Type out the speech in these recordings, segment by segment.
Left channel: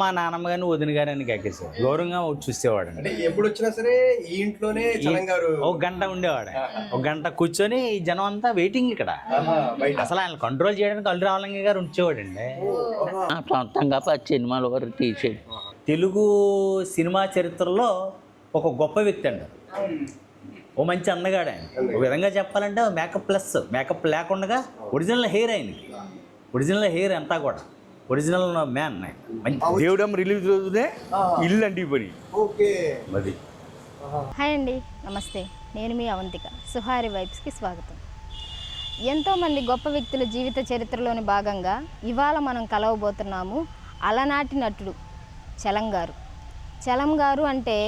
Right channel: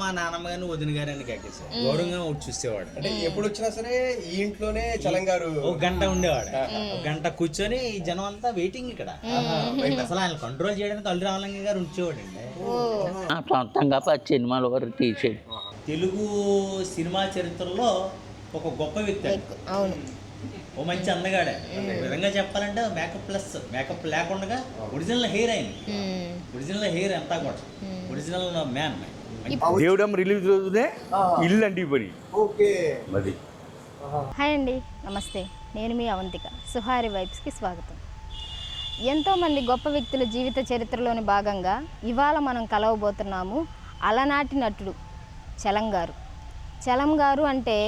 మా నాన్నమ్మ గారిని వదిన గారిని కేకేసారు. గౌరవంగా చూసేవాడు. అంటే ఎప్పుడు వచ్చినా సరే ఈ ఇంట్లోనే చలంగారు ఒక గంట ఉండేవాడు. ఒక గంట కూర్చొని ఈ జనం అంతా వెయిటింగ్ ఇక్కడ. అసలు ఆయన కంట్రోల్ చేయడానికి అల్లు రామలింగ గారు ఉంచేవాడండి. సొంతంగా 10 సినిమాల వరకు తీసాడు. తెలుగు సినిమా చరిత్రలో ఒక గొప్ప వ్యక్తి అండి. ఓ మంచి అందగాడే. ఒక విధంగా చెప్పాలంటే మేకప్ లేకుండా ఒరిజినల్ హెయిర్ అయింది. ఒరిజినల్ హెయిర్ అంతా కూడా ఒరిజినల్ మ్యాన్. దేవుడం రిలీజ్ రోజునే ఇల్లు అండి పని. ఓకే అది. హాయ్ అండి, నమస్తే. నేను మీ అవంతిక. సుహారి వైబ్స్కి స్వాగతం. ఎంతోమంది గొప్ప వ్యక్తుల జీవిత చరిత్రలోని భాగంగా ఇవాళ మనం కలవబోతున్నాము అలనాటి నటుడు చలం గారు. అంటే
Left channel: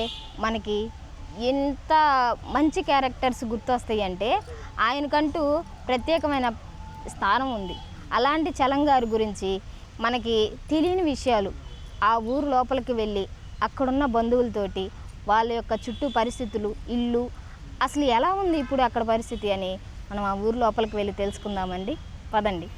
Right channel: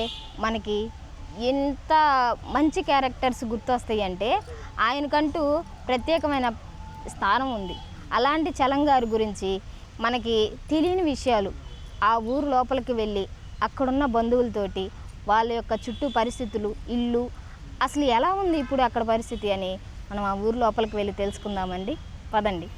మనకి ఎంత మంచి క్యారెక్టర్స్ గుర్తొస్తాయి అంటే ఆయనకంటూ ప్రత్యేకమైన స్థానం ఉంది. అలాంటి చలం గారి గురించి మనకి తెలియని విషయాలు, ఆ ఊరు లోపలికి వెళ్ళి అక్కడున్న బంధువులతోటి వాళ్ళ యొక్క చుట్టూ పరిస్థితులు, ఇల్లు అసలు ఎలా ఉంది ఇప్పుడు అక్కడ పరిస్థితి అని మనం ఆ ఊరు లోపలికి వెళ్ళి తెలుసుకుందామండి. పదండి.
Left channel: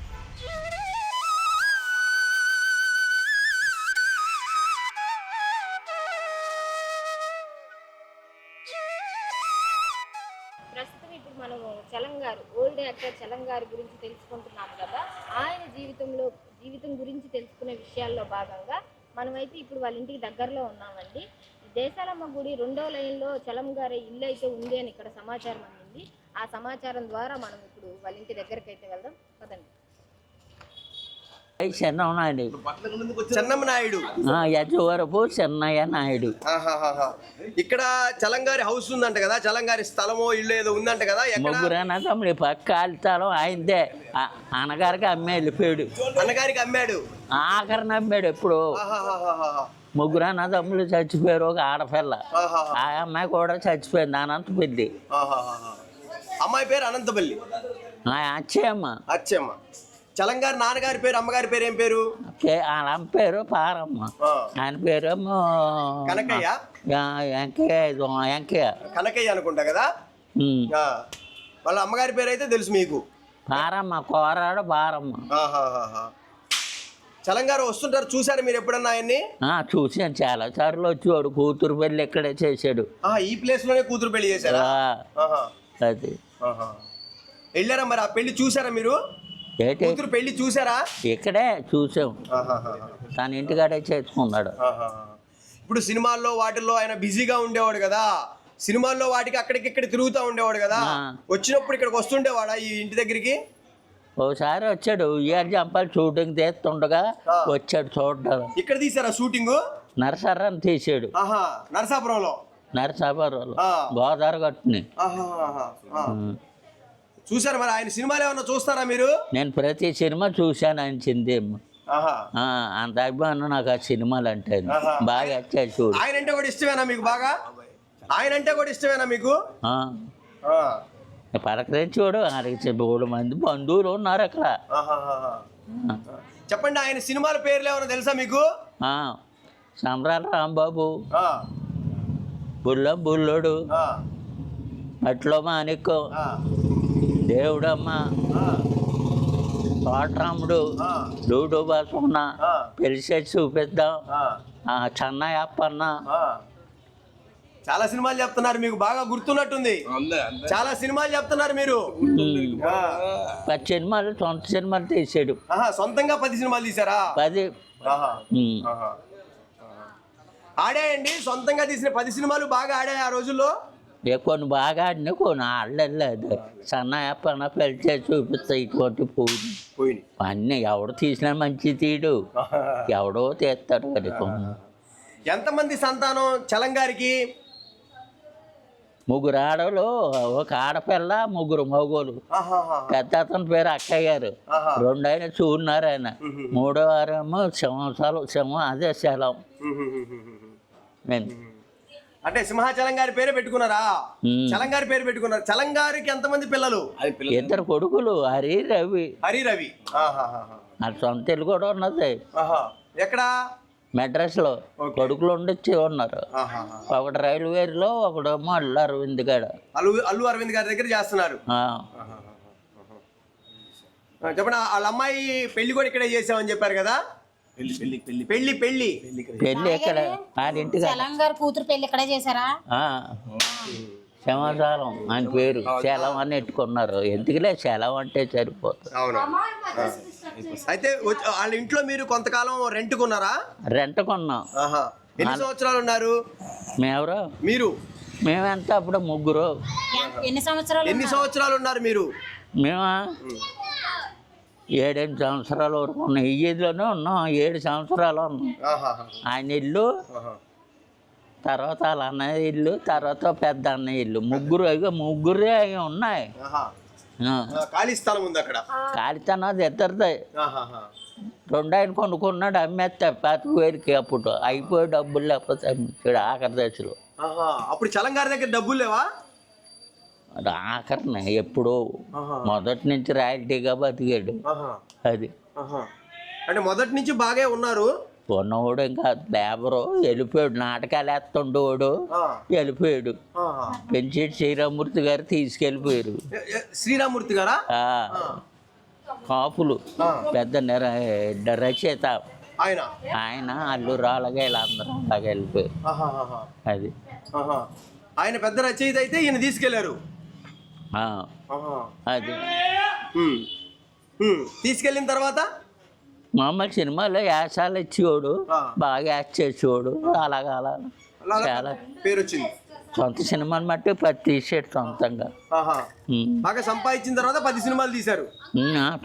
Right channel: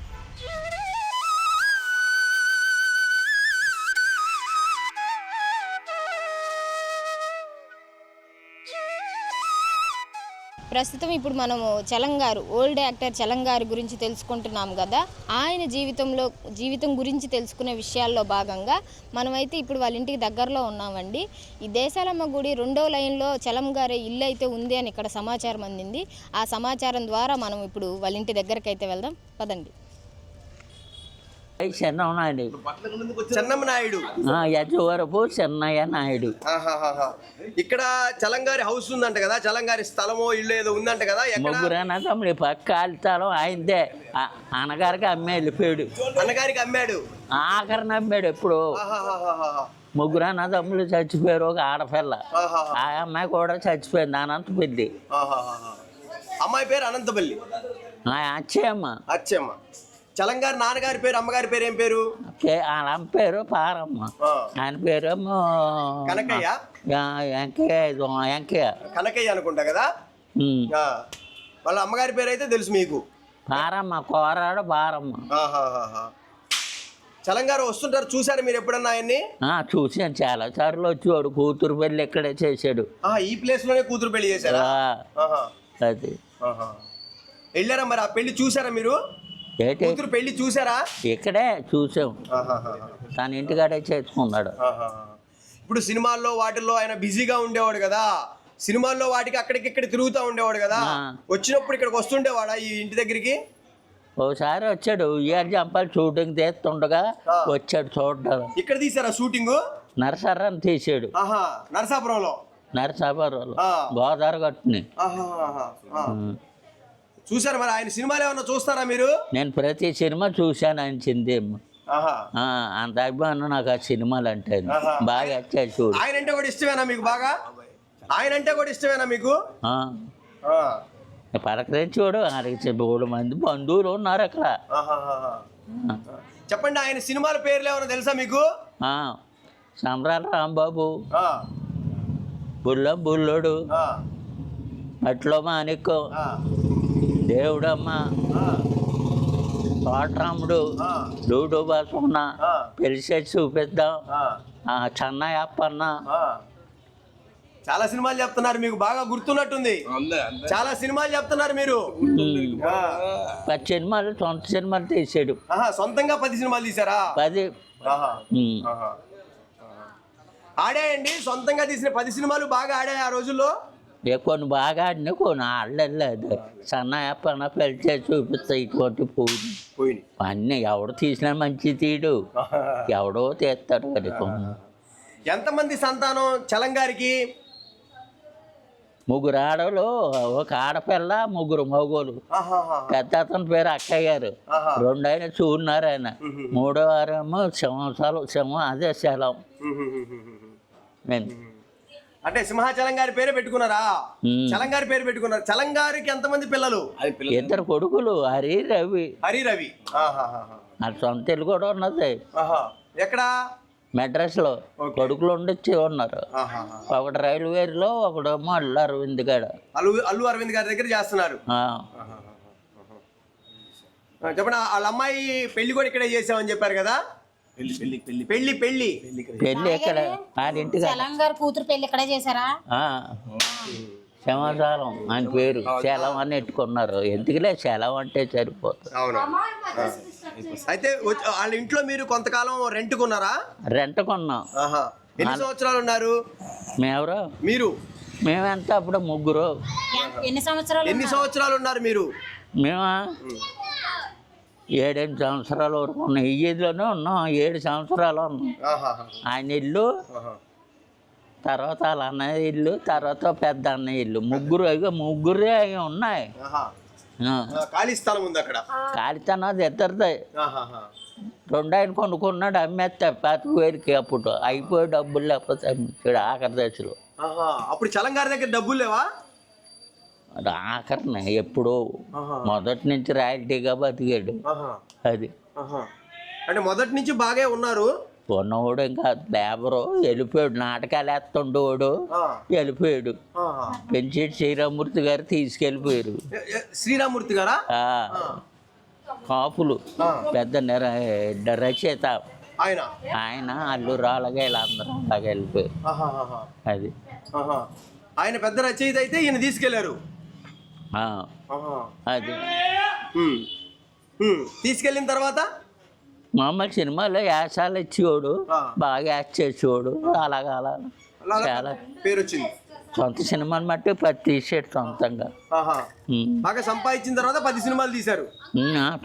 ప్రస్తుతం ఇప్పుడు మనము చలం గారు, ఓల్డ్ యాక్టర్ చలం గారి గురించి తెలుసుకుంటున్నాం కదా. ఆయన జీవితం గురించి తెలుసుకునే విషయాల్లో భాగంగా మనమైతే ఇప్పుడు వాళ్ళ ఇంటికి దగ్గరలో ఉన్నామండి. ఈ దేశాలమ్మ గుడి 2వ లైన్లో చలం గారి ఇల్లు అయితే ఉంది అని ఇక్కడ సమాచారం అందింది. ఆ సమాచారం ద్వారా మనం ఇప్పుడు వాళ్ళ ఇంటి దగ్గరికి అయితే వెళ్దాం. పదండి. చెన్నమ్మ నాయుడు, యజవరపు చెన్నయ్య నాయుడు. ఇక్కడ చలంగారి హౌస్ ఉందంట కదా, చలంగారి స్థలమో ఇల్లు ఏదో ఉందంట కదా. ముగ్గురైనా తమ్ముడి పక్క స్థలం ఆయనదే. అన్నగారికి అమ్మే వెళ్ళిపోయాడు. అన్నగారికి అమ్మాడు, ఆఖరిని అమ్మాడు. ఎప్పుడు ముగ్గురు అన్నదమ్ములు చచ్చిపోయారు. ఒక ఆడపిల్ల, ఆ అమ్మాయి కూడా చచ్చిపోయింది. అనంతపల్లి. అమ్మాయి పేరు అనంతపల్లి. అచ్చమ్మ. చలంగారి నాన్నగారి పేరు, అమ్మగారి పేరు ఏం పేరు? వాళ్ళ పేరు పారమ్మ, ఆయన పేరేమో కనకయ్య. కనకయ్య అనుకుంటా కదా. వాళ్ళ అమ్మగారి పేరు అయితే తెలుసు మీకు, పారమ్మ. కోరాడు పారమ్మ. చలంగారు వస్తుంటారు, చూసారు మీరు ఎప్పుడన్నా ఆయన్ని? చూసాను, చాలా సార్లు వచ్చేవాడు. కూతురు పెళ్లి ఇక్కడే చేశాడు. ఈ ప్లేస్ లోనే కూతురు పెళ్లి చేశారా? అది వెళ్ళారా మరి? ఆ పెళ్లి చూసారా మీరు? కూతురు పెళ్లి చూసారా? ఇక్కడే చూసాం. తన ఇంటికాడే చేసుకున్నాడు. ఇప్పుడు సినిమాల్లో వాటిల్లో ఆయన బిజీగా ఉండేవాడు కదా. సినిమాల్లో వాటికి అక్కడికి తిరుగుతూ ఉండేవాడు కదా. వచ్చినప్పుడు ఇక్కడికి వస్తుండేవాడా ఈ ఇంటి దగ్గరికి? ఓసారి వచ్చాడు. ఇయర్ జంపాలు షూటింగ్ తీస్తుండగా వచ్చాడు చూడ్డాడు. ఇక్కడ తీసారా షూటింగ్? నరసరాన్ని తీసాడు. నరసాపురంలో గోదావరి గట్టుని చూసారా మరి? ఆయన సినిమాలు ఏమన్నా చూస్తారా మీరు? నేను ప్రతి సినిమా చూశాను ఆయన చిందేమో. అంత అభిమానం నాకు ఆ సినిమాలు అంటే. బాగా వచ్చాయి చూడు. ఆయన అంటే కూడా ఇష్టమేనా మీకు? బాగా ఆయన అంటే కూడా ఇష్టమేనా మీకు? పలకరించి చూడు. 3 మంది బంధువులు ఉన్నారు అక్కడ. చెప్పండి, ఆయన సినిమాల పేర్లు ఏమన్నా తెలుసా మీకు? సంబరాల రాంబాబు, బుల్లోడు, అట్లో మాణిక్యం, దేవుడమ్మ, తోటరాముడు, లూడు బాసున్న, పెళ్లిసేసి చూపిద్దాం, చెన్నయ్యప్పన్న. చాలా సినిమాలు చెప్తున్నారు, మీకు బాగా గుర్తున్నట్టుంది. చాలా సినిమాలు చెప్తున్నారు మీరు. 10 సినిమాలు సొంత సినిమాలు తీసాడు. సొంతంగా 10 సినిమాలు తీసారా? 10. ఆడాయండి సొంతంగా తీసిన 10 సినిమాలు బాగా ఆడాయి ఆ రోజుల్లో. కొన్ని బాగా ఆడినా కొన్ని ఆడలేదు. సన్నయ్యప్పన్న పెళ్లి చేసి చూపిస్తాయి. ఇటువంటి పోయి అన్నీ ఎవడు తీసినా మంచి తీడు, ఎవడో తీస్తాడు కదా. ఎంతమంది సంతానం చలంగారికి? 3 ఆడలు, ఒక ఆడపిల్ల, 3 మగోలు. పెద్ద అతని పేరు అక్కయ్య గారు. 2 ఆయన చూన్నారు. ఆయన 3వ వారేమో సింహం, అదే శలం. అంటే సింహాచలం గారి పేరే పెట్టుకున్నారా? చలంగారి పేరు పెట్టుకున్నారు. చలంగారికి ఎంతమంది పిల్లలు? 2 కొడుకులు, హరి రవి. సొంత ఇల్లు కూడా ఉన్నది. ఎక్కడ? మెడ్రాస్లో. కొడుకులు ఉండొచ్చి ఉన్నారు. ఒకటి రైల్వేలో, ఒకడేమో అల్లు అరవింద్ గారు. అల్లు అరవింద్ గారి దగ్గర చేస్తున్నారు. చెప్పండి, వాళ్ళ అమ్మాయి పెళ్లి కూడా ఇక్కడే చేసామని చెప్పారు కదా. పెళ్లి పెళ్లి పెళ్ళి ఎక్కడ ఆడింటిగా తెలంగాణ కూతురు పెళ్లి ఇక్కడే చేశారా? క్షమాచారం ఆయన పేరు సెలవు అని ఎట్టుకున్నారు. ఎందుకులే సెలవు అంటే సరిపోతుంది. అవును. అయితే వాళ్ళ ఇంట్లో మీరు కొంతకాలం రెంట్ కొన్నారా? రెంట్ కొన్నాం. ఎన్ని సంవత్సరాలు ఉన్నారు మేమెవరో మీరు? మేమెంత అప్పుడు ముగ్గురు. ఎన్ని సంవత్సరాలు ఉన్నారు మీరు? మేమా 7-8 సంవత్సరాల వరకు ఉన్నాం. ఈ ఏజ్లోనే ఉన్నాం. 7 సంవత్సరాలు ఉన్నాం. ఆయన ఇల్లు, తర్వాత వాళ్ళ అన్నయ్య ఇల్లు, తర్వాత పెద్ద అన్నయ్య ఇల్లు. ముగ్గురే అవి ఉన్నాయి. ఖాళీ స్థలం ఉంది అక్కడ. ఖాళీతనం ఇద్దరిదే. 2 ఆయన కొనుక్కున్నాడు, అమ్మేస్తే 25,000కి. అప్పుడు అయిపోయి డబ్బులు లేకపోతే అమ్మించాడు ఆఖరి దశలో. అప్పుడు చలంగారి దగ్గర డబ్బులు లేవా? ఆఖరిన ఎప్పుడో మొదటి నుంచి రాయల్టీగా బతికాడు. అది అంటే మొదటి నుంచి బాగా ఉన్నారు. ఉన్నవాడు ఇంకా లేబరు వెళ్ళిపోయాడు. నాటకాలు వేస్తుండేవాడు, వెళ్ళిపోయాడు. పెంచేటి శ్రీరామూర్తి గారు తీసుకెళ్ళిపోయారు. శ్రీరామూర్తి గారా? కాపులు పెద్ద రచయిత ఆయన అల్లూరు అలాగే వీళ్ళందరూ అలాగే వెళ్ళిపోయారు. అది ఆయన పెద్ద రచయిత అయితే ఈయన తీసుకెళ్లారు. అది తీసుకెళ్ళిన తర్వాత మామూలు సినిమాలో యాసాలు ఇచ్చేవాడు, బాగా యాక్ట్ చేసేవాడు. అలాగా చాలా పేరు వచ్చింది. సొంత సినిమాని బట్టి 10 తీసాడు సొంతంగా. బాగా సంపాదించిన తర్వాత 10 సినిమాలు తీశారు.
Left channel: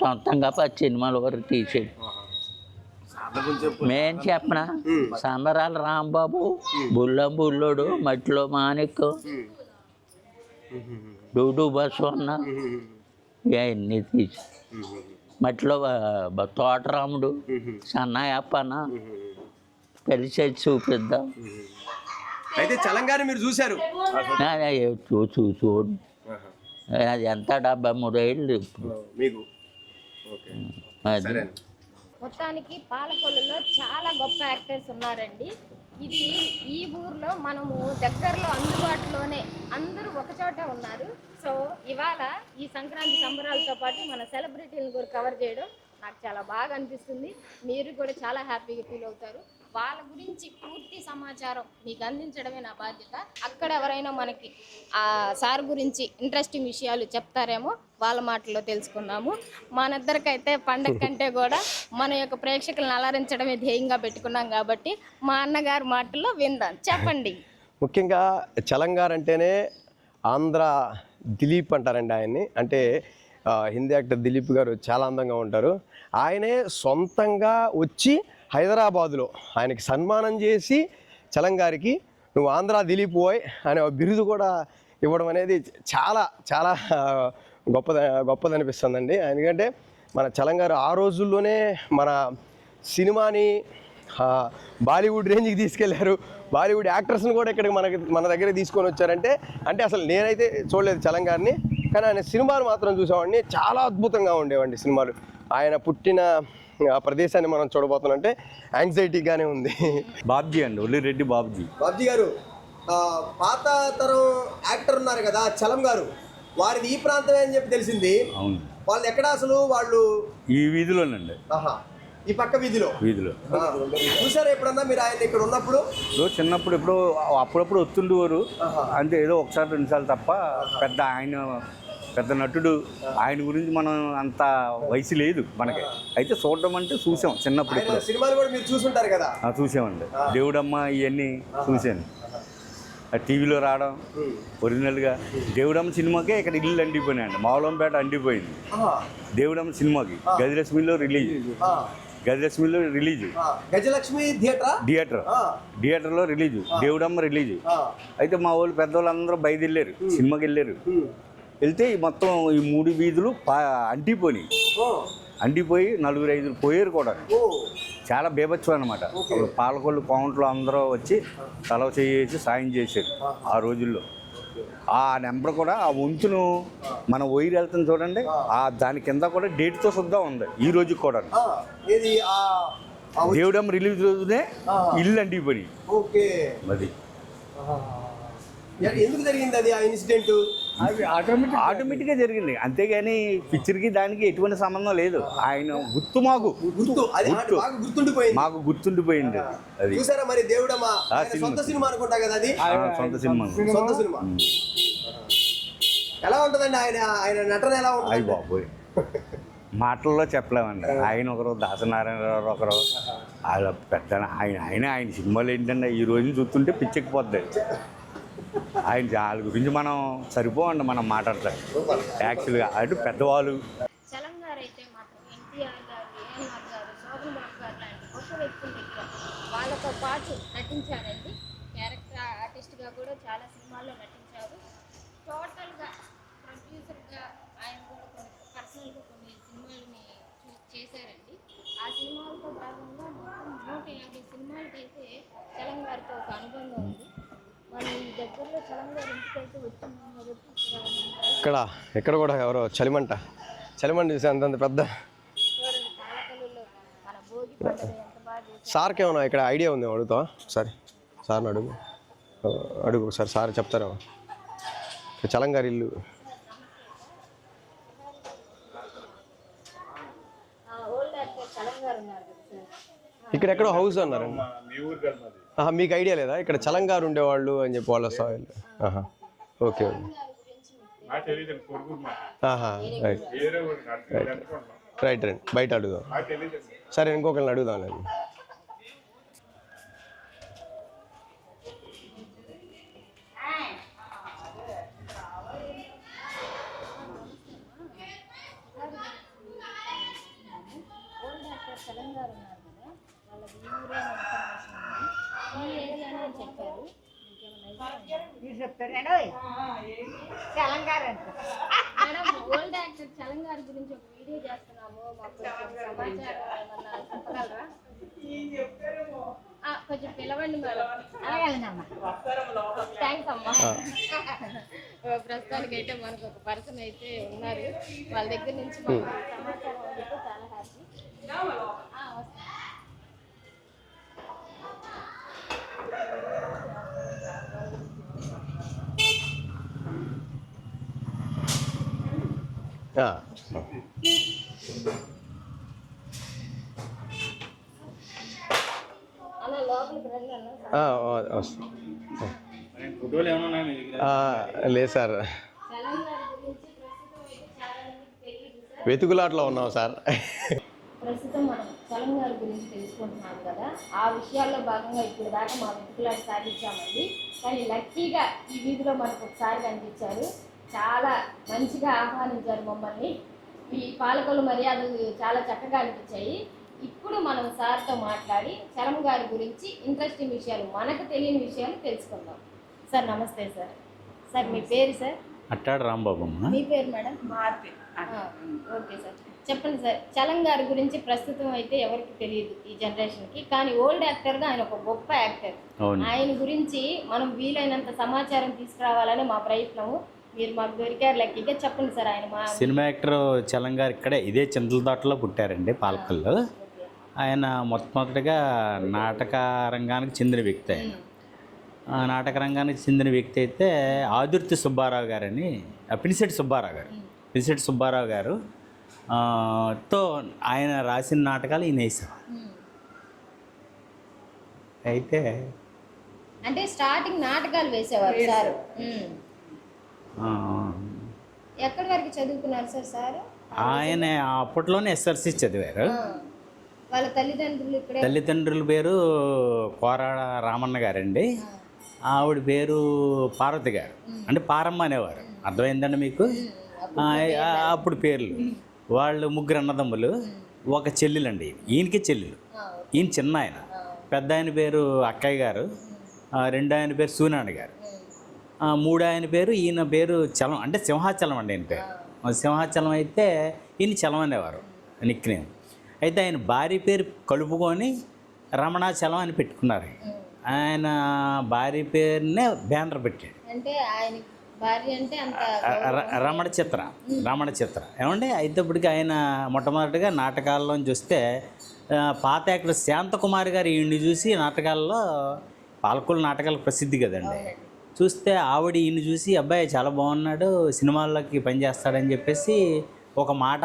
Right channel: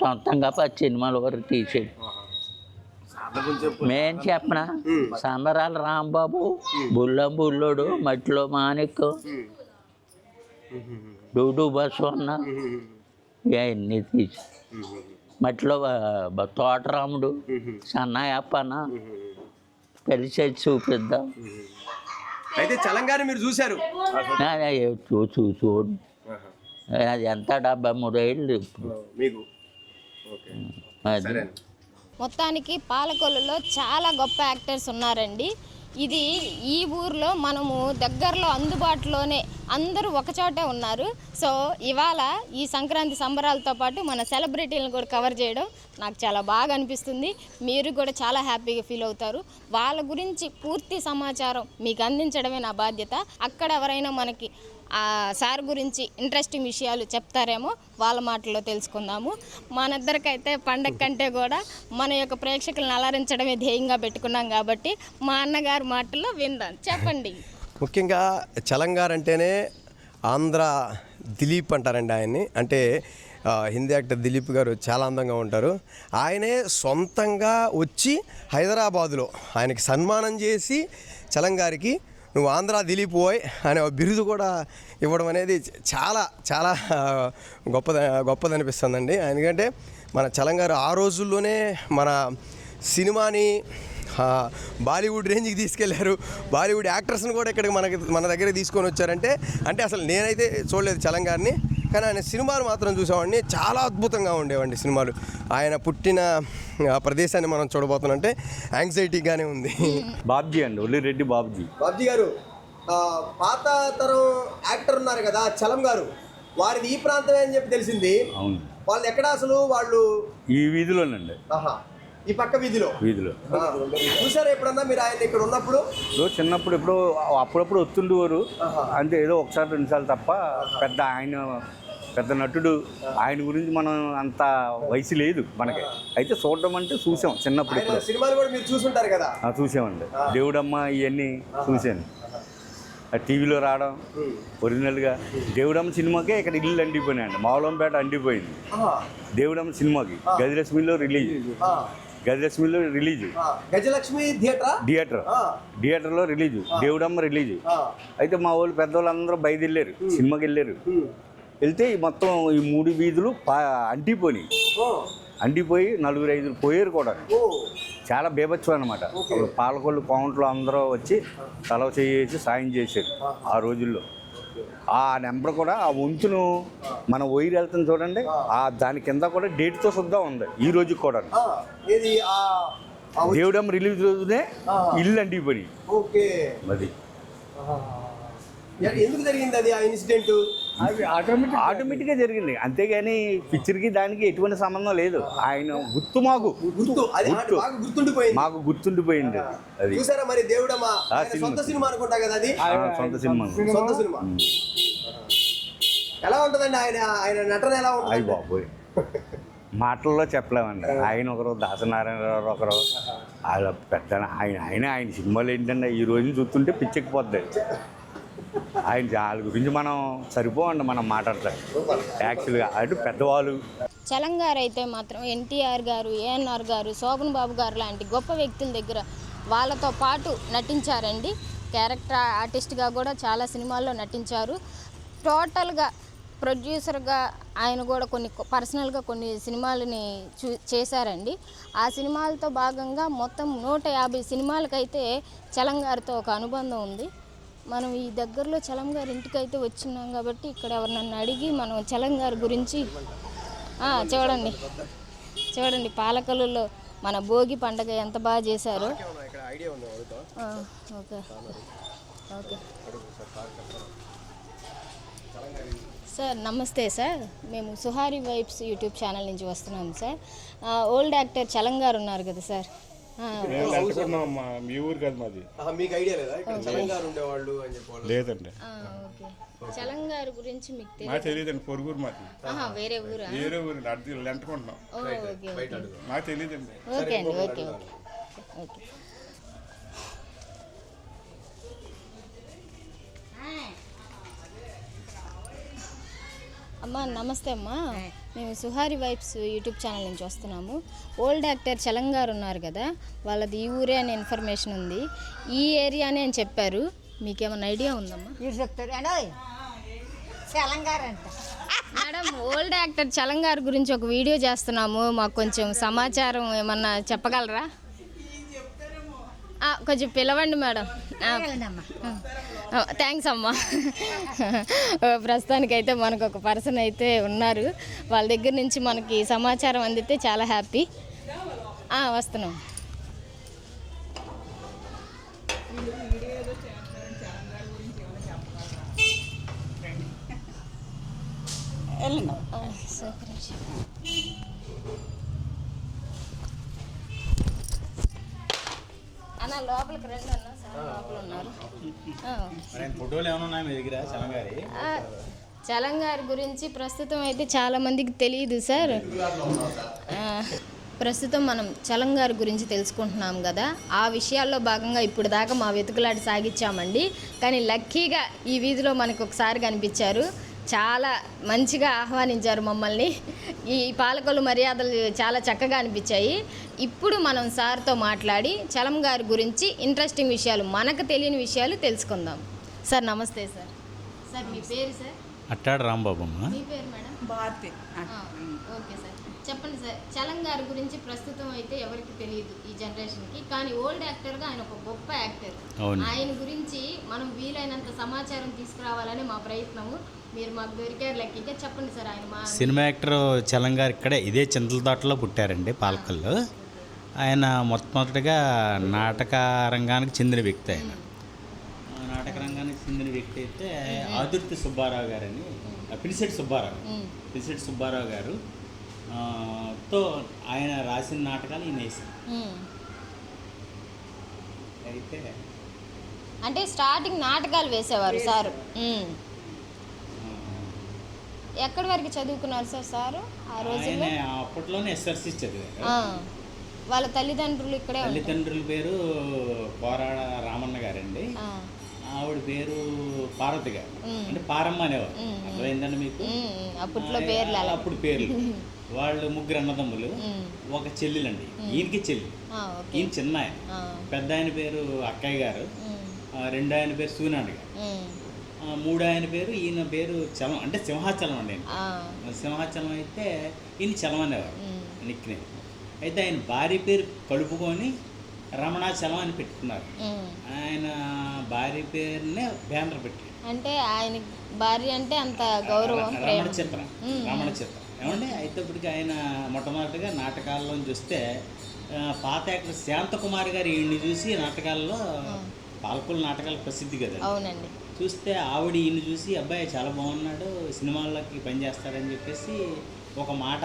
సొంతంగా 10 సినిమాల వరకు తీసాడు. మేం చెప్పనా, సంబరాల రాంబాబు, బుల్లం బుల్లోడు, మట్టిలో మాణిక్, డూడు బస్వన్న, ఇవన్నీ తీసి మట్టిలో తోటరాముడు, సన్నాయప్పన, పెళ్లి చేసి చూపిద్దాం. అయితే చలంగారి మీరు చూశారు? చూడు అది ఎంత 73 ఏళ్ళు మీకు. అది మొత్తానికి పాలకొల్లులో చాలా గొప్ప యాక్టర్స్ ఉన్నారండి. ఇది ఈ ఊర్లో మనము దగ్గరలో అందుబాటులోనే అందరూ ఒకచోటే ఉన్నారు. సో ఇవాళ ఈ సంక్రాంతి సంబరాలతో పాటు మన సెలబ్రిటీలను కూడా కవర్ చేయడం నాకు చాలా బాగా అనిపిస్తుంది. మీరు కూడా చాలా హ్యాపీగా ఫీల్ అవుతారు. వాళ్ళ గురించి పూర్తి సమాచారం మీకు అందించడమే నా బాధ్యత. అక్కడ ఎవరైనా మనకి సార్ గురించి ఇంట్రెస్టింగ్ విషయాలు చెప్తారేమో, వాళ్ళ మాటల్లో తెలుసుకుందాము. మనిద్దరికైతే పండగ కంటే కూడా మన యొక్క ప్రేక్షకులను అలరించడమే ధ్యేయంగా పెట్టుకున్నాం కాబట్టి మా అన్నగారి మాటల్లో విందాం. చెప్పండి. ముఖ్యంగా చలంగారు అంటేనే ఆంధ్ర దిలీప్ అంటారండి ఆయన్ని. అంటే హిందీ యాక్టర్ దిలీప్ గారు చాలా అందంగా ఉంటారు. ఆయనే సొంతంగా వచ్చి హైదరాబాదులో ఆయనకి సన్మానం చేసి చలంగారికి నువ్వు ఆంధ్ర దిలీప్ పోయ్ అనే బిరుదు కూడా ఇవ్వడం అనేది చాలా చాలా గొప్పదనిపిస్తుందండి. ఎందుకంటే మన చలంగారు ఆ రోజుల్లోనే మన సినిమాని బాలీవుడ్ రేంజ్కి తీసుకెళ్లారు. బాలీవుడ్ యాక్టర్స్ని కూడా ఇక్కడికి మన దగ్గరికి తీసుకొని వచ్చారంటే అసలు నేనైతే చూడలేదు చలంగారిని, కానీ ఆయన సినిమాలు మాత్రం చూసామండి. చాలా అద్భుతంగా ఉండేవండి సినిమాలు. ఆయన పుట్టిన ప్రదేశాన్ని మనం చూడబోతున్నామంటే యాంగ్జైటీగానే ఉంది. బాబ్జీ అండి, ఒల్లిరెడ్డి బాబ్జీ. బాబ్జీ గారు పాత తరం యాక్టర్ ఉన్నారు కదా చలం గారు, వారిది ఈ ప్రాంతమే అని చెప్పి తెలిసింది. అవును. వాళ్ళు ఎక్కడ అసలు? వాళ్ళు ఈ వీధిలోనండి. ఈ పక్క వీధిలో చూసారా ఎప్పుడన్నా మీరు ఆయన ఇక్కడ ఉన్నప్పుడు? చిన్నప్పుడు ఎప్పుడో అప్పుడప్పుడు వస్తుండేవారు అంటే, ఏదో ఒకసారి 2 సార్లు తప్ప. పెద్ద నటుడు, ఆయన గురించి మనం అంత వయసు లేదు మనకి. అయితే చూడడం అంటే చూసాం చిన్నప్పుడు. సినిమాలు కూడా మీరు చూసుంటారు కదా? చూసామండి. దేవుడమ్మ ఇవన్నీ చూశాను. టీవీలో రావడం ఒరిజినల్గా. దేవుడమ్మ సినిమాకే ఇక్కడ ఇల్లు అండిపోయినాయండి. మావులంపేట అండిపోయింది దేవుడమ్మ సినిమాకి. గజలక్ష్మిలో రిలీజ్ గజలక్ష్మి థియేటర్లో రిలీజ్, దేవుడమ్మ రిలీజ్. అయితే మా వాళ్ళు పెద్దవాళ్ళందరూ బయలుదేరారు, సినిమాకి వెళ్ళారు. వెళ్తే మొత్తం ఈ 3 వీధులు అంటిపోయి 4-5 పోయారు కూడా. చాలా బేభత్సం అనమాట. పాలకొల్లు కౌంట్లో అందరూ వచ్చి తలవ చేసి సాయం చేశారు ఆ రోజుల్లో. ఆ నెంబర్ కూడా, ఆ వంతును మన వైర్ వెళ్తుంది చూడండి, దాని కింద కూడా డేట్తో శుద్ధ ఉంది ఈ రోజుకి కూడా. దేవుడమ్మ రిలీజ్ రోజునే ఇల్లు అంటిపోయి. అది ఎందుకు జరిగింది అది ఆ ఇన్సిడెంట్? ఆటోమేటిక్గా జరిగింది, అంతేగాని పిక్చర్కి దానికి ఎటువంటి సంబంధం లేదు. ఆయన గుర్తు మాకు అది బాగా గుర్తుండిపోయింది. మాకు గుర్తుండిపోయింది. అది చూసారా మరి దేవుడమ్మా సొంత సినిమా అనుకుంటా కదా అది. సొంత సినిమా. సొంత సినిమా ఎలా ఉంటుందండి? ఆయన నటన ఎలా ఉంటుంది? అయ్యి బాబోయ్, మాటల్లో చెప్పలేమండి. ఆయన ఒకరు, దాసనారాయణరావు ఒకరు, వాళ్ళ పెద్ద ఆయన సినిమాలు ఏంటంటే ఈ రోజు చూస్తుంటే పిచ్చెక్కిపోద్ది. వాళ్ళ గురించి మనం సరిపోవండి మనం మాట్లాడతాం యాక్చువల్గా. అటు పెద్దవాళ్ళు. చలం గారు అయితే మాత్రం ఎన్టీఆర్ గారు, ఏఎన్ఆర్ గారు, శోభన్ బాబు గారు లాంటి గొప్ప వ్యక్తుల దగ్గర వాళ్ళతో పాటు నటించారండి. క్యారెక్టర్ ఆర్టిస్ట్గా కూడా చాలా సినిమాల్లో నటించారు. టోటల్గా ప్రొడ్యూసర్గా ఆయన కూడా కొన్ని పర్సనల్గా కొన్ని సినిమాలని చేశారండి. ఆ సినిమాలతో భాగంగా మొత్తం 150 సినిమాలకైతే చలం గారితో ఒక అనుబంధం ఉంది. మనం ఈ దగ్గరలో చలం గారి ఇంటికి అయితే వచ్చినాం కాబట్టి ఇక్కడ ఎవరినన్నా అడిగి మనం చలం గారి గురించి చూడండి. పాలకొల్లులో మన భోగి పండుగ ఎంత బాగా చేశారు. సార్కి ఏమన్నా ఇక్కడ ఐడియా ఉంది? అడుగుతా సార్. సార్ అడుగు సార్ చెప్తారా? చలం గారి ఇల్లు. సార్ నమస్తే సార్, మేము సుహారి వైబ్స్ యూట్యూబ్ ఛానల్ నుంచి వస్తున్నాము సార్. ఓల్డ్ యాక్టర్ చలం గారు ఉన్నారు కదా సార్, ఇక్కడ ఎక్కడ హౌస్ మీ ఊరు కదా మాది. మీకు ఐడియా లేదా ఇక్కడ చలం గారు ఉండేవాళ్ళు అని చెప్పి వాళ్ళు? ఓకే. చలం గారి గురించి మీకు నాకు తెలియదండి, పొరుగురు మాకు. వేరే ఊరు అంటుకుంటున్నాం. రైట్ బయట అడుగుదాం. నాకు తెలియదండి. సరే ఇంకొకరిని అడుగుదాం. అమ్మా నమస్తే అమ్మా, మేము సుహారి వైబ్స్ యూట్యూబ్ ఛానల్ నుంచి వస్తున్నాము. ఓల్డ్ యాక్టర్ చలం గారు ఉన్నారు కదా, వాళ్ళది ఈ ఊరే అనే ఇన్ఫర్మేషన్ ఉంది. ఈ ఏరియానే అని చెప్పారు. మీకేమైనా ఐడియా ఉందమ్మా? మేడం, ఓల్డ్ యాక్టర్ చలం గారి గురించి ఒక వీడియో చేస్తున్నాము, మాకు కొంచెం సమాచారం ఏమన్నా చెప్పగలరా? కొంచెం పిలవండి మేడం. థ్యాంక్స్ అమ్మా. ప్రస్తుతానికైతే మనకు ఒక పర్సన్ అయితే ఉన్నారు, వాళ్ళ దగ్గర నుంచి మనకి సమాచారం అందితే చాలా హ్యాపీ. వస్తున్నాం. అన్న లోపలికి రండి అన్న. లేదు సార్, చలం గారి గురించి ప్రస్తుతం అయితే చాలా మందికి తెలియదు సార్. వెతుకులాటలో ఉన్నాం సార్. ప్రస్తుతం మనం చలం గారి గురించి తెలుసుకుంటున్నాం కదా, ఆ విషయాల్లో భాగంగా ఇప్పుడు దాకా మా వెతుకులాట సాగించామండి. కానీ లక్కీగా ఈ వీధిలో మనకు ఒకసారి కనిపించారు, చాలా మంచిగా ఆహ్వానించారు మమ్మల్ని. ఈ పాలకొల్లు మర్యాదలు చాలా చక్కగా అనిపించాయి. ఇప్పుడు మనం సార్తో మాట్లాడి చలం గారి గురించి ఇంట్రెస్టింగ్ విషయాలు, మనకు తెలియని విషయాలు తెలుసుకుందాం. సార్ నమస్తే సార్. సార్ మీ పేరు సార్? అట్టాడు రాంబాబు అమ్మ. మీ పేరు మేడం? భారతి. ఓకే సార్, చెప్పండి సార్. చలం గారి గురించి ప్రస్తుతం అయితే ఎవరికి తెలియదు ఈ జనరేషన్కి, కానీ ఓల్డ్ యాక్టర్గా ఆయన ఒక గొప్ప యాక్టర్. ఆయన గురించి మనం వీలైనంత సమాచారం తీసుకురావాలని మా ప్రయత్నము. మీరు మాకు దొరికారు లక్కీగా. చెప్పండి సార్. ఆయన సినిమా యాక్టర్ చలం గారు ఇక్కడే ఇదే చింతలతోటలో పుట్టారండి, పాలకొల్లు. ఆయన మొట్టమొదటిగా నాటక రంగానికి చెందిన వ్యక్తి. ఆయన ఆ నాటక రంగానికి చెందిన వ్యక్తి అయితే ఆదుర్తి సుబ్బారావు గారని, పినిశెట్టి సుబ్బారావు గారు తో ఆయన రాసిన నాటకాలు ఈయన వేశారు. అయితే అంటే స్టార్టింగ్ నాటకాలు వేసేవారు సార్. ఎక్కడి వరకు చదువుకున్నారు సార్ సారు? ఆయన అప్పట్లోనే ఎస్ఆర్సి చదివారు. వాళ్ళ తల్లిదండ్రులు ఇక్కడే? తల్లిదండ్రుల పేరు కోరాడ రామన్న గారండి, ఆవిడ పేరు పార్వతి గారు, అంటే పారమ్మ అనేవారు. అర్థమైందండి మీకు? అప్పుడు పేర్లు. వాళ్ళు ముగ్గురు అన్నదమ్ములు, ఒక చెల్లెలండి. ఈయనకి చెల్లెలు, ఈయన చిన్న ఆయన. పెద్ద ఆయన పేరు అక్కయ్య గారు, రెండో ఆయన పేరు సూనాన్న గారు, మూడో ఆయన పేరు ఈయన పేరు చలం, అంటే సింహాచలం అండి ఆయన పేరు. సింహాచలం అయితే ఈయన చలం అనేవారు నిక్నేమ్. అయితే ఆయన భార్య పేరు కలుపుకొని రమణాచలం అని పెట్టుకున్నారు. ఆయన భార్య పేరునే బ్యానర్ పెట్టాడు. అంటే ఆయన భార్య అంటే అంత రమణ చిత్ర ఏమండి. అయితే ఇప్పటికి ఆయన మొట్టమొదటిగా నాటకాల్లోంచి వస్తే పాత యాక్టర్ శాంతకుమారి గారు ఈయన్ని చూసి నాటకాల్లో, పాలకొల్లు నాటకాలు ప్రసిద్ధి కదండి, చూస్తే ఆవిడ ఈయన చూసి అబ్బాయి చాలా బాగున్నాడు, సినిమాల్లోకి పనిచేస్తాడని చెప్పేసి ఒక మాట,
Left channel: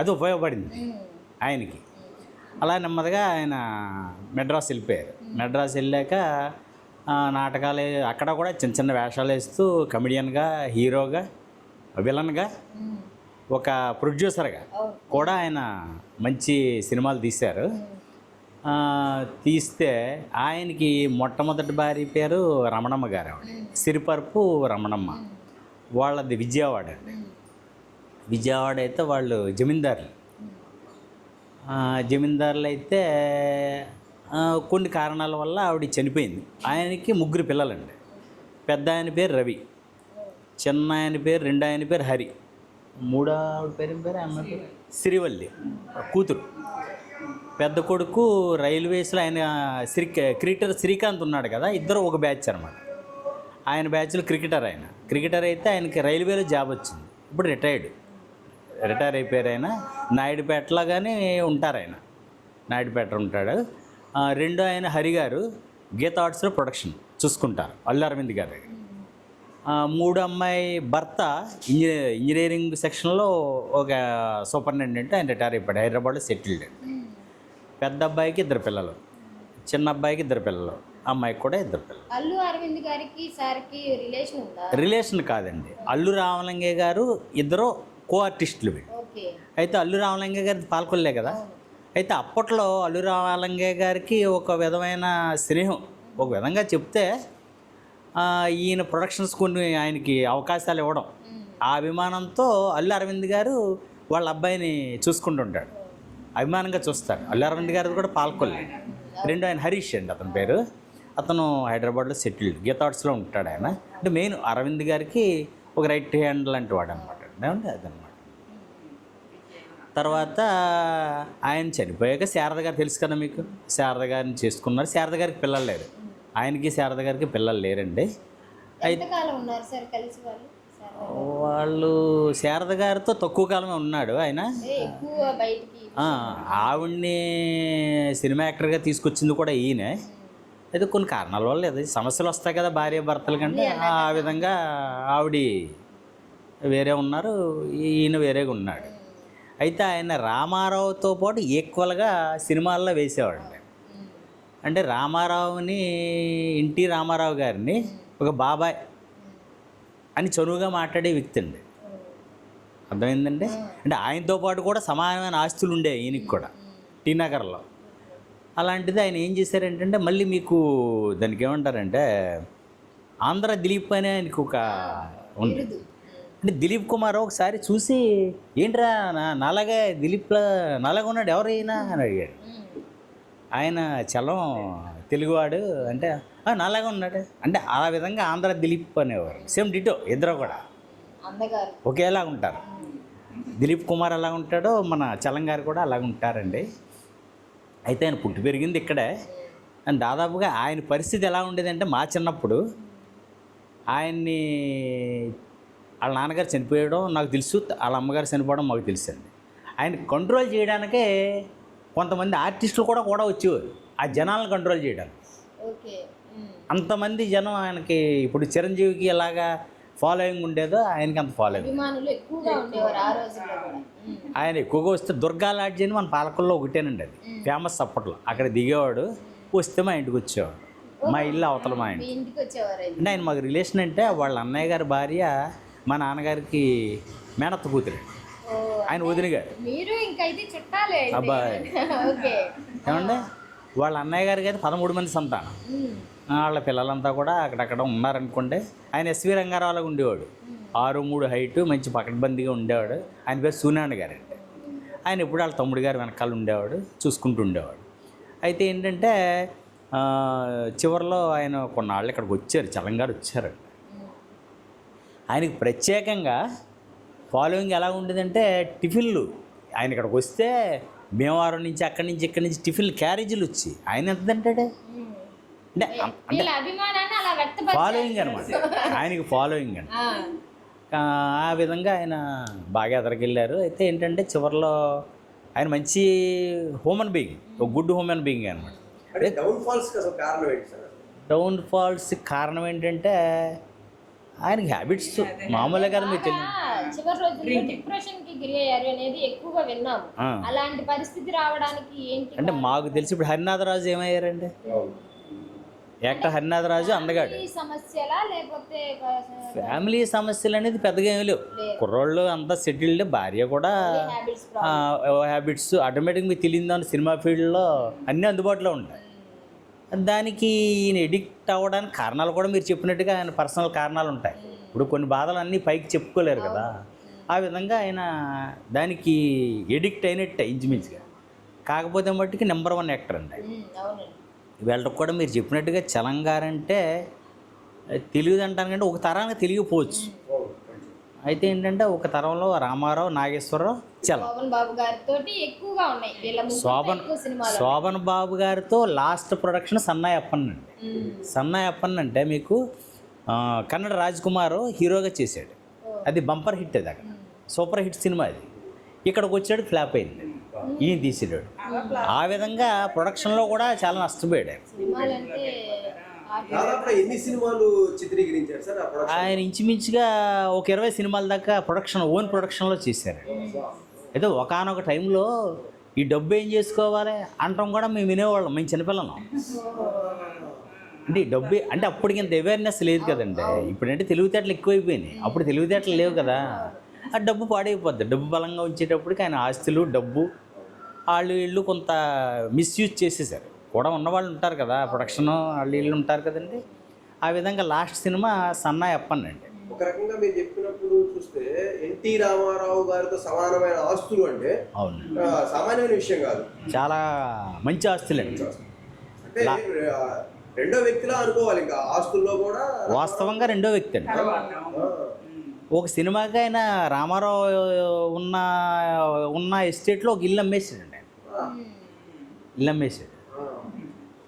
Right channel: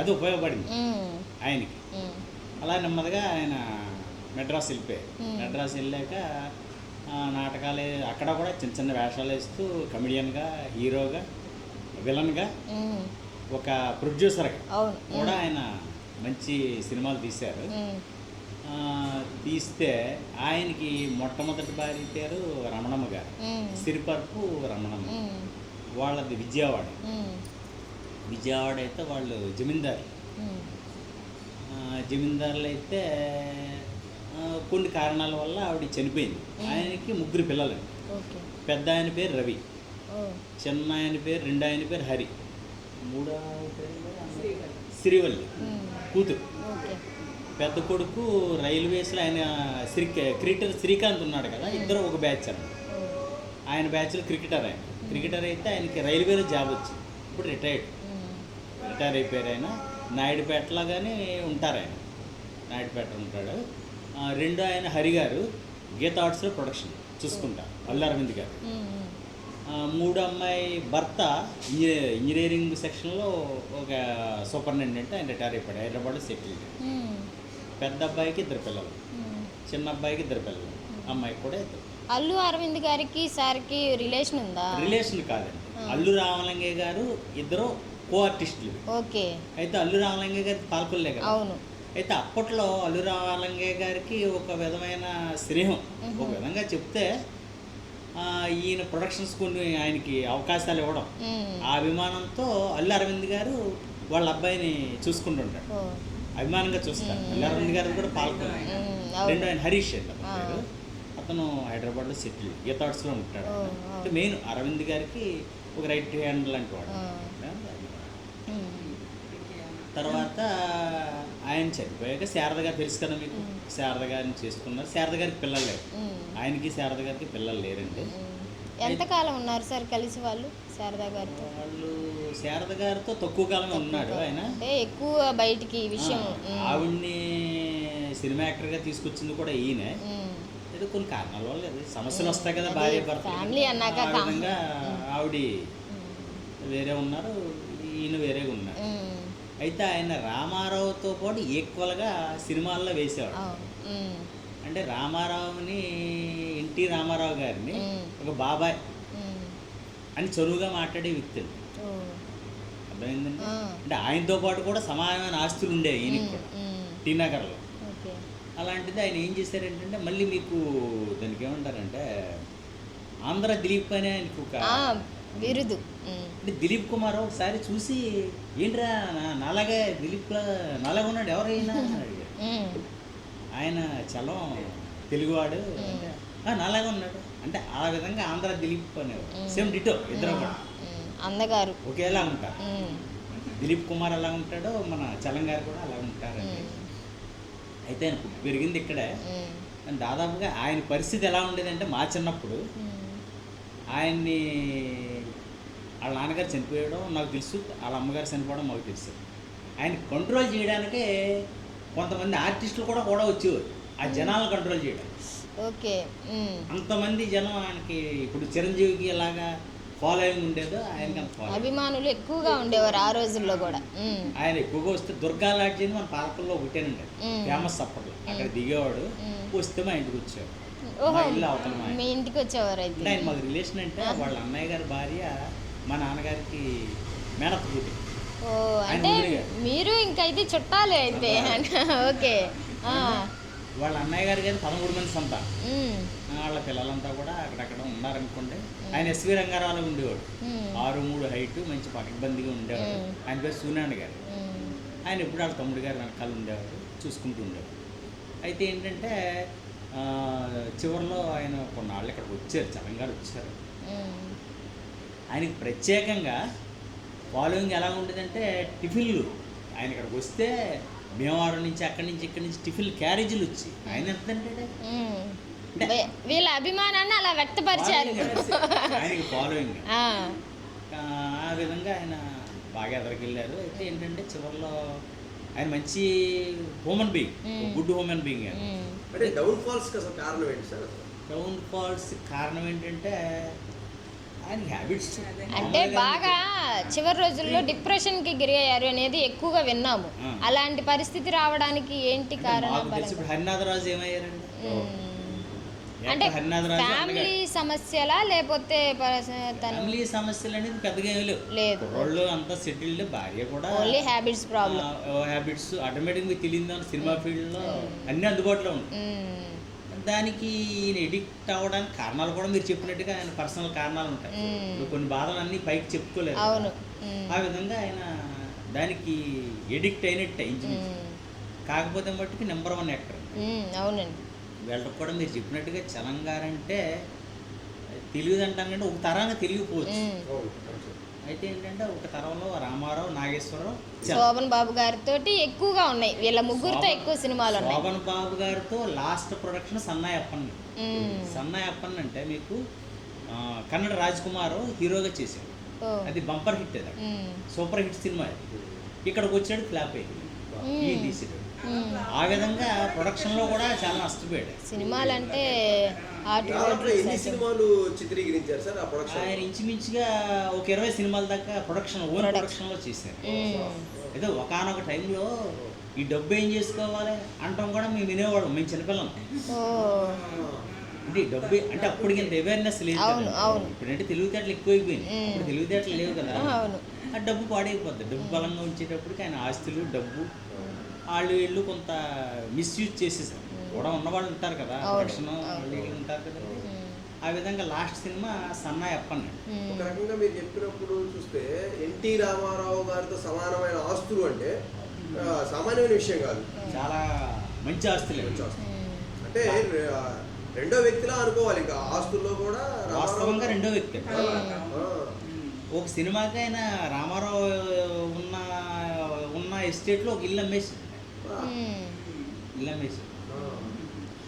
అది ఉపయోగపడింది ఆయనకి. అలా నెమ్మదిగా ఆయన మెడ్రాస్ వెళ్ళిపోయారు. మెడ్రాస్ వెళ్ళాక నాటకాలు అక్కడ కూడా చిన్న చిన్న వేషాలు వేస్తూ కమెడియన్గా, హీరోగా, విలన్గా, ఒక ప్రొడ్యూసర్గా కూడా ఆయన మంచి సినిమాలు తీశారు. తీస్తే ఆయనకి మొట్టమొదటి భార్య పేరు రమణమ్మ గారు, సిరిపరపు రమణమ్మ. వాళ్ళది విజయవాడ. విజయవాడ అయితే వాళ్ళు జమీందారులు. జమీందారులు అయితే కొన్ని కారణాల వల్ల ఆవిడ చనిపోయింది. ఆయనకి 3 పిల్లలండి. పెద్ద ఆయన పేరు రవి, చిన్న ఆయన పేరు, రెండో ఆయన పేరు హరి, మూడో పేరు సిరివల్లి కూతురు. పెద్ద కొడుకు రైల్వేస్లో ఆయన క్రికెటర్ శ్రీకాంత్ ఉన్నాడు కదా, ఇద్దరు ఒక బ్యాచ్ అన్నమాట. ఆయన బ్యాచ్లో క్రికెటర్ అయితే ఆయనకి రైల్వేలో జాబ్ వచ్చింది. ఇప్పుడు రిటైర్ అయిపోయారు. ఆయన నాయుడుపేటలో కానీ ఉంటారు. ఆయన నాయుడుపేట ఉంటాడు. రెండో ఆయన హరి గారు గీత ఆర్ట్స్లో ప్రొడక్షన్ చూసుకుంటారు, అల్లు అరవింద్ గారు. మూడో అమ్మాయి భర్త ఇంజనీరింగ్ సెక్షన్లో ఒక సూపరింటెండెంట్, ఆయన రిటైర్ అయిపోయాడు, హైదరాబాద్లో సెటిల్డ్. పెద్ద అబ్బాయికి 2 పిల్లలు, చిన్న అబ్బాయికి 2 పిల్లలు, అమ్మాయికి కూడా 2 పిల్లలు. అల్లు అరవింద్ గారికి సార్కి రిలేషన్ ఉందా? రిలేషన్ కాదండి, అల్లు రామలింగయ్య గారు ఇద్దరు కో ఆర్టిస్టులు. ఓకే. అయితే అల్లు రామలింగయ్య గారి పాల్కొల్లే కదా. అయితే అప్పట్లో అల్లు రామలింగయ్య గారికి ఒక విధమైన స్నేహం, ఒక విధంగా చెప్తే ఈయన ప్రొడక్షన్స్ కొన్ని ఆయనకి అవకాశాలు ఇవ్వడం, ఆ అభిమానంతో అల్లు అరవింద్ గారు వాళ్ళ అబ్బాయిని చూసుకుంటుంటాడు, అభిమానంగా చూస్తారు. అల్లు అరవింద్ గారు కూడా పాల్కొల్లి. రెండో ఆయన హరీష్ అండి అతని పేరు. అతను హైదరాబాద్లో సెటిల్డ్, గీత ఆర్ట్స్లో ఉంటాడు ఆయన. అంటే మెయిన్ అరవింద్ గారికి ఒక రైట్ హ్యాండ్ లాంటి వాడు అనమాట. అది తర్వాత ఆయన చనిపోయాక శారద గారు తెలుసు కదా మీకు, శారద గారిని చేసుకున్నారు. శారద గారికి పిల్లలు లేరు, ఆయనకి శారద గారికి పిల్లలు లేరండి. ఎంతకాలం ఉన్నారు సార్ కలిసి వాళ్ళు? వాళ్ళు శారద గారితో తక్కువ కాలమే ఉన్నాడు ఆయన. ఎక్కువ బయటికి ఆవిడ్ని సినిమా యాక్టర్గా తీసుకొచ్చింది కూడా ఈయనే. అయితే కొన్ని కారణాల వల్ల అది సమస్యలు వస్తాయి కదా భార్య భర్తల కంటే, ఆ విధంగా ఆవిడ వేరే ఉన్నారు, ఈయన వేరేగా ఉన్నాడు. అయితే ఆయన రామారావుతో పాటు ఈక్వల్గా సినిమాల్లో వేసేవాడు. అంటే రామారావుని, ఎన్టీ రామారావు గారిని ఒక బాబాయ్ అని చనువుగా మాట్లాడే వ్యక్తి అండి. అర్థమైందండి. అంటే ఆయనతో పాటు కూడా సమానమైన ఆస్తులు ఉండేవి ఈయనకి కూడా టీ నగర్లో. అలాంటిది ఆయన ఏం చేశారంటే, మళ్ళీ మీకు దానికి ఏమంటారంటే ఆంధ్ర దిలీప్ అనే ఆయనకు ఒక అంటే దిలీప్ కుమార్ ఒకసారి చూసి, ఏంట్రా నాలాగే దిలీప్ నాలాగా ఉన్నాడు ఎవరైనా అని అడిగాడు. ఆయన చలం తెలుగువాడు అంటే నాలాగా ఉన్నాడు అంటే, ఆ విధంగా ఆంధ్ర దిలీప్ అనేవాడు. సేమ్ డిటో, ఇద్దరు కూడా ఒకేలా ఉంటారు. దిలీప్ కుమార్ ఎలా ఉంటాడో మన చలం గారు కూడా అలాగ ఉంటారండి. అయితే ఆయన పుట్టి పెరిగింది ఇక్కడే. అండ్ దాదాపుగా ఆయన పరిస్థితి ఎలా ఉండేదంటే, మా చిన్నప్పుడు ఆయన్ని వాళ్ళ నాన్నగారు చనిపోయడం నాకు తెలుసు, వాళ్ళ అమ్మగారు చనిపోవడం మాకు తెలుసు. ఆయన కంట్రోల్ చేయడానికే కొంతమంది ఆర్టిస్టులు కూడా వచ్చేవారు ఆ జనాలను కంట్రోల్ చేయడం. అంతమంది జనం ఆయనకి, ఇప్పుడు చిరంజీవికి ఎలాగా ఫాలోయింగ్ ఉండేదో ఆయనకి అంత ఫాలోయింగ్ ఎక్కువగా ఉండేవారు ఆ రోజుల్లో కూడా. ఆయన ఎక్కువగా వస్తే దుర్గా లాడ్జ్ అని మన పాలకుల్లో ఒకటేనండి, అది ఫేమస్ అప్పట్లో. అక్కడ దిగేవాడు, వస్తే మా ఇంటికి వచ్చేవాడు, మా ఇల్లు అవతల మా ఇంటికి వచ్చేవారు. ఆయన మాకు రిలేషన్ అంటే, వాళ్ళ అన్నయ్య గారి భార్య మా నాన్నగారికి మేనత్త కూతురు, ఆయన వదిన గారు. మీరు ఇంకైతే చుట్టాలే. వాళ్ళ అన్నయ్య గారికి అయితే 13 మంది సంతానం. వాళ్ళ పిల్లలంతా కూడా అక్కడక్కడ ఉన్నారనుకోండి. ఆయన ఎస్వి రంగారావులాగా ఉండేవాడు, 6'3" హైట్, మంచి పకడ్బందీగా ఉండేవాడు. ఆయన పేరు సూనాన్న గారు. ఆయన ఎప్పుడు వాళ్ళ తమ్ముడు గారు వెనకాల ఉండేవాడు, చూసుకుంటూ ఉండేవాడు. అయితే ఏంటంటే చివరిలో ఆయన కొన్నాళ్ళు ఇక్కడికి వచ్చారు, చలం గారు వచ్చారు. ఆయనకి ప్రత్యేకంగా ఫాలోయింగ్ ఎలా ఉండేదంటే, టిఫిన్లు ఆయన ఇక్కడికి వస్తే భీమవరం నుంచి అక్కడి నుంచి ఇక్కడి నుంచి టిఫిన్ క్యారేజీలు వచ్చి ఆయన ఎంత తింటాడే, ఫాలోయింగ్ అనమాట, ఆయనకి ఫాలోయింగ్ అని. ఆ విధంగా ఆయన బాగా ఎదరికెళ్ళారు. అయితే ఏంటంటే చివరిలో ఆయన మంచి హ్యూమన్ బీయింగ్, ఒక గుడ్ హ్యూమన్ బీయింగ్ అనమాట. డౌన్ ఫాల్స్ కారణం ఏంటంటే ఆయనకి హ్యాబిట్స్ మామూలుగా కదా మీకు బాగా చివరి రోజుల్లో డిప్రెషన్ కి గురి అయ్యారు అనేది ఎక్కువగా విన్నాము. ఆ. అలాంటి పరిస్థితి రావడానికి ఏంటి అంటే మాకు తెలిసి ఇప్పుడు హరినాథరాజు ఏమయ్యారండి, యాక్టర్ హరినాథరాజు అందగాడు. ఫ్యామిలీ సమస్యలా లేకపోతే ఫ్యామిలీ సమస్యలు అనేది పెద్దగా ఏమీ లేవు. లేదు. కుర్రోళ్ళు అంతా సెటిల్డ్, భార్య కూడా హ్యాబిట్స్ ప్రాబ్లం. హ్యాబిట్స్ ఆటోమేటిక్ మీకు తెలియదు. సినిమా ఫీల్డ్లో అన్నీ అందుబాటులో ఉంటాయి. దానికి ఈయన ఎడిక్ట్ అవ్వడానికి కారణాలు కూడా మీరు చెప్పినట్టుగా ఆయన పర్సనల్ కారణాలు ఉంటాయి. ఇప్పుడు కొన్ని బాధలు అన్నీ పైకి చెప్పుకోలేరు కదా, ఆ విధంగా ఆయన దానికి ఎడిక్ట్ అయినట్టే ఇంచుమించు. కాకపోతే మట్టుకి నెంబర్ 1 యాక్టర్ అండి. అవునండి. వీళ్ళకి కూడా మీరు చెప్పినట్టుగా చలంగారంటే తెలియదు అంటాను కంటే ఒక తరానికి తెలియకపోవచ్చు. అయితే ఏంటంటే ఒక తరంలో రామారావు, నాగేశ్వరరావు, శోభన్ బాబు గారితో ఎక్కువగా ఉన్నాయి. వీళ్ళ ముగ్గురుతో ఎక్కువ సినిమాలు. శోభన్ బాబు గారితో లాస్ట్ ప్రొడక్షన్ సన్నాయి అప్పన్న. సన్నాయి అప్పన్న అంటే మీకు కన్నడ రాజ్ కుమార్ హీరోగా చేశాడు. అది బంపర్ హిట్, అది సూపర్ హిట్ సినిమా. అది ఇక్కడికి వచ్చాడు, ఫ్లాప్ అయింది, ఈయన తీసేటాడు. ఆ విధంగా ప్రొడక్షన్లో కూడా చాలా నష్టపోయాడు. సినిమాలంటే ఎన్ని సినిమాలు చిత్రీకరించారు సార్ ఆ ప్రొడక్షన్? ఆయన ఇంచుమించుగా ఒక 20 సినిమాల దాకా ఓన్ ప్రొడక్షన్లో చేశారు. ఏదో ఒకనొక టైంలో ఈ డబ్బు ఏం చేసుకోవాలి అంటాం కూడా మేము వినేవాళ్ళం, మేము చిన్నపిల్లలం. అంటే ఈ డబ్బు అంటే అప్పటికి ఇంత అవేర్నెస్ లేదు కదండి. ఇప్పుడంటే తెలివితేటలు ఎక్కువైపోయినాయి, అప్పుడు తెలివితేటలు లేవు కదా. ఆ డబ్బు పాడైపోద్ది. డబ్బు బలంగా ఉంచేటప్పటికి ఆయన ఆస్తులు, డబ్బు, వాళ్ళు వీళ్ళు కొంత మిస్యూజ్ చేసేసారు. కూడా ఉన్నవాళ్ళు ఉంటారు కదా, ప్రొడక్షన్ వాళ్ళు వీళ్ళు ఉంటారు కదండి. ఆ విధంగా లాస్ట్ సినిమా సన్నాయి అప్పన్నండి. ఒక రకంగా మీరు చెప్పినప్పుడు చూస్తే ఎన్టీ రామారావు గారితో సమానమైన ఆస్తులు అంటే సామాన్యమైన విషయం కాదు, చాలా మంచి ఆస్తులండి. అంటే రెండో వ్యక్తిలా అనుకోవాలి. ఇంకా ఆస్తుల్లో కూడా వాస్తవంగా రెండో వ్యక్తి అండి. ఒక సినిమాకి ఆయన రామారావు ఉన్న ఎస్టేట్లో ఒక ఇల్లు అమ్మేసాడండి. ఇల్లు అమ్మేసాడు.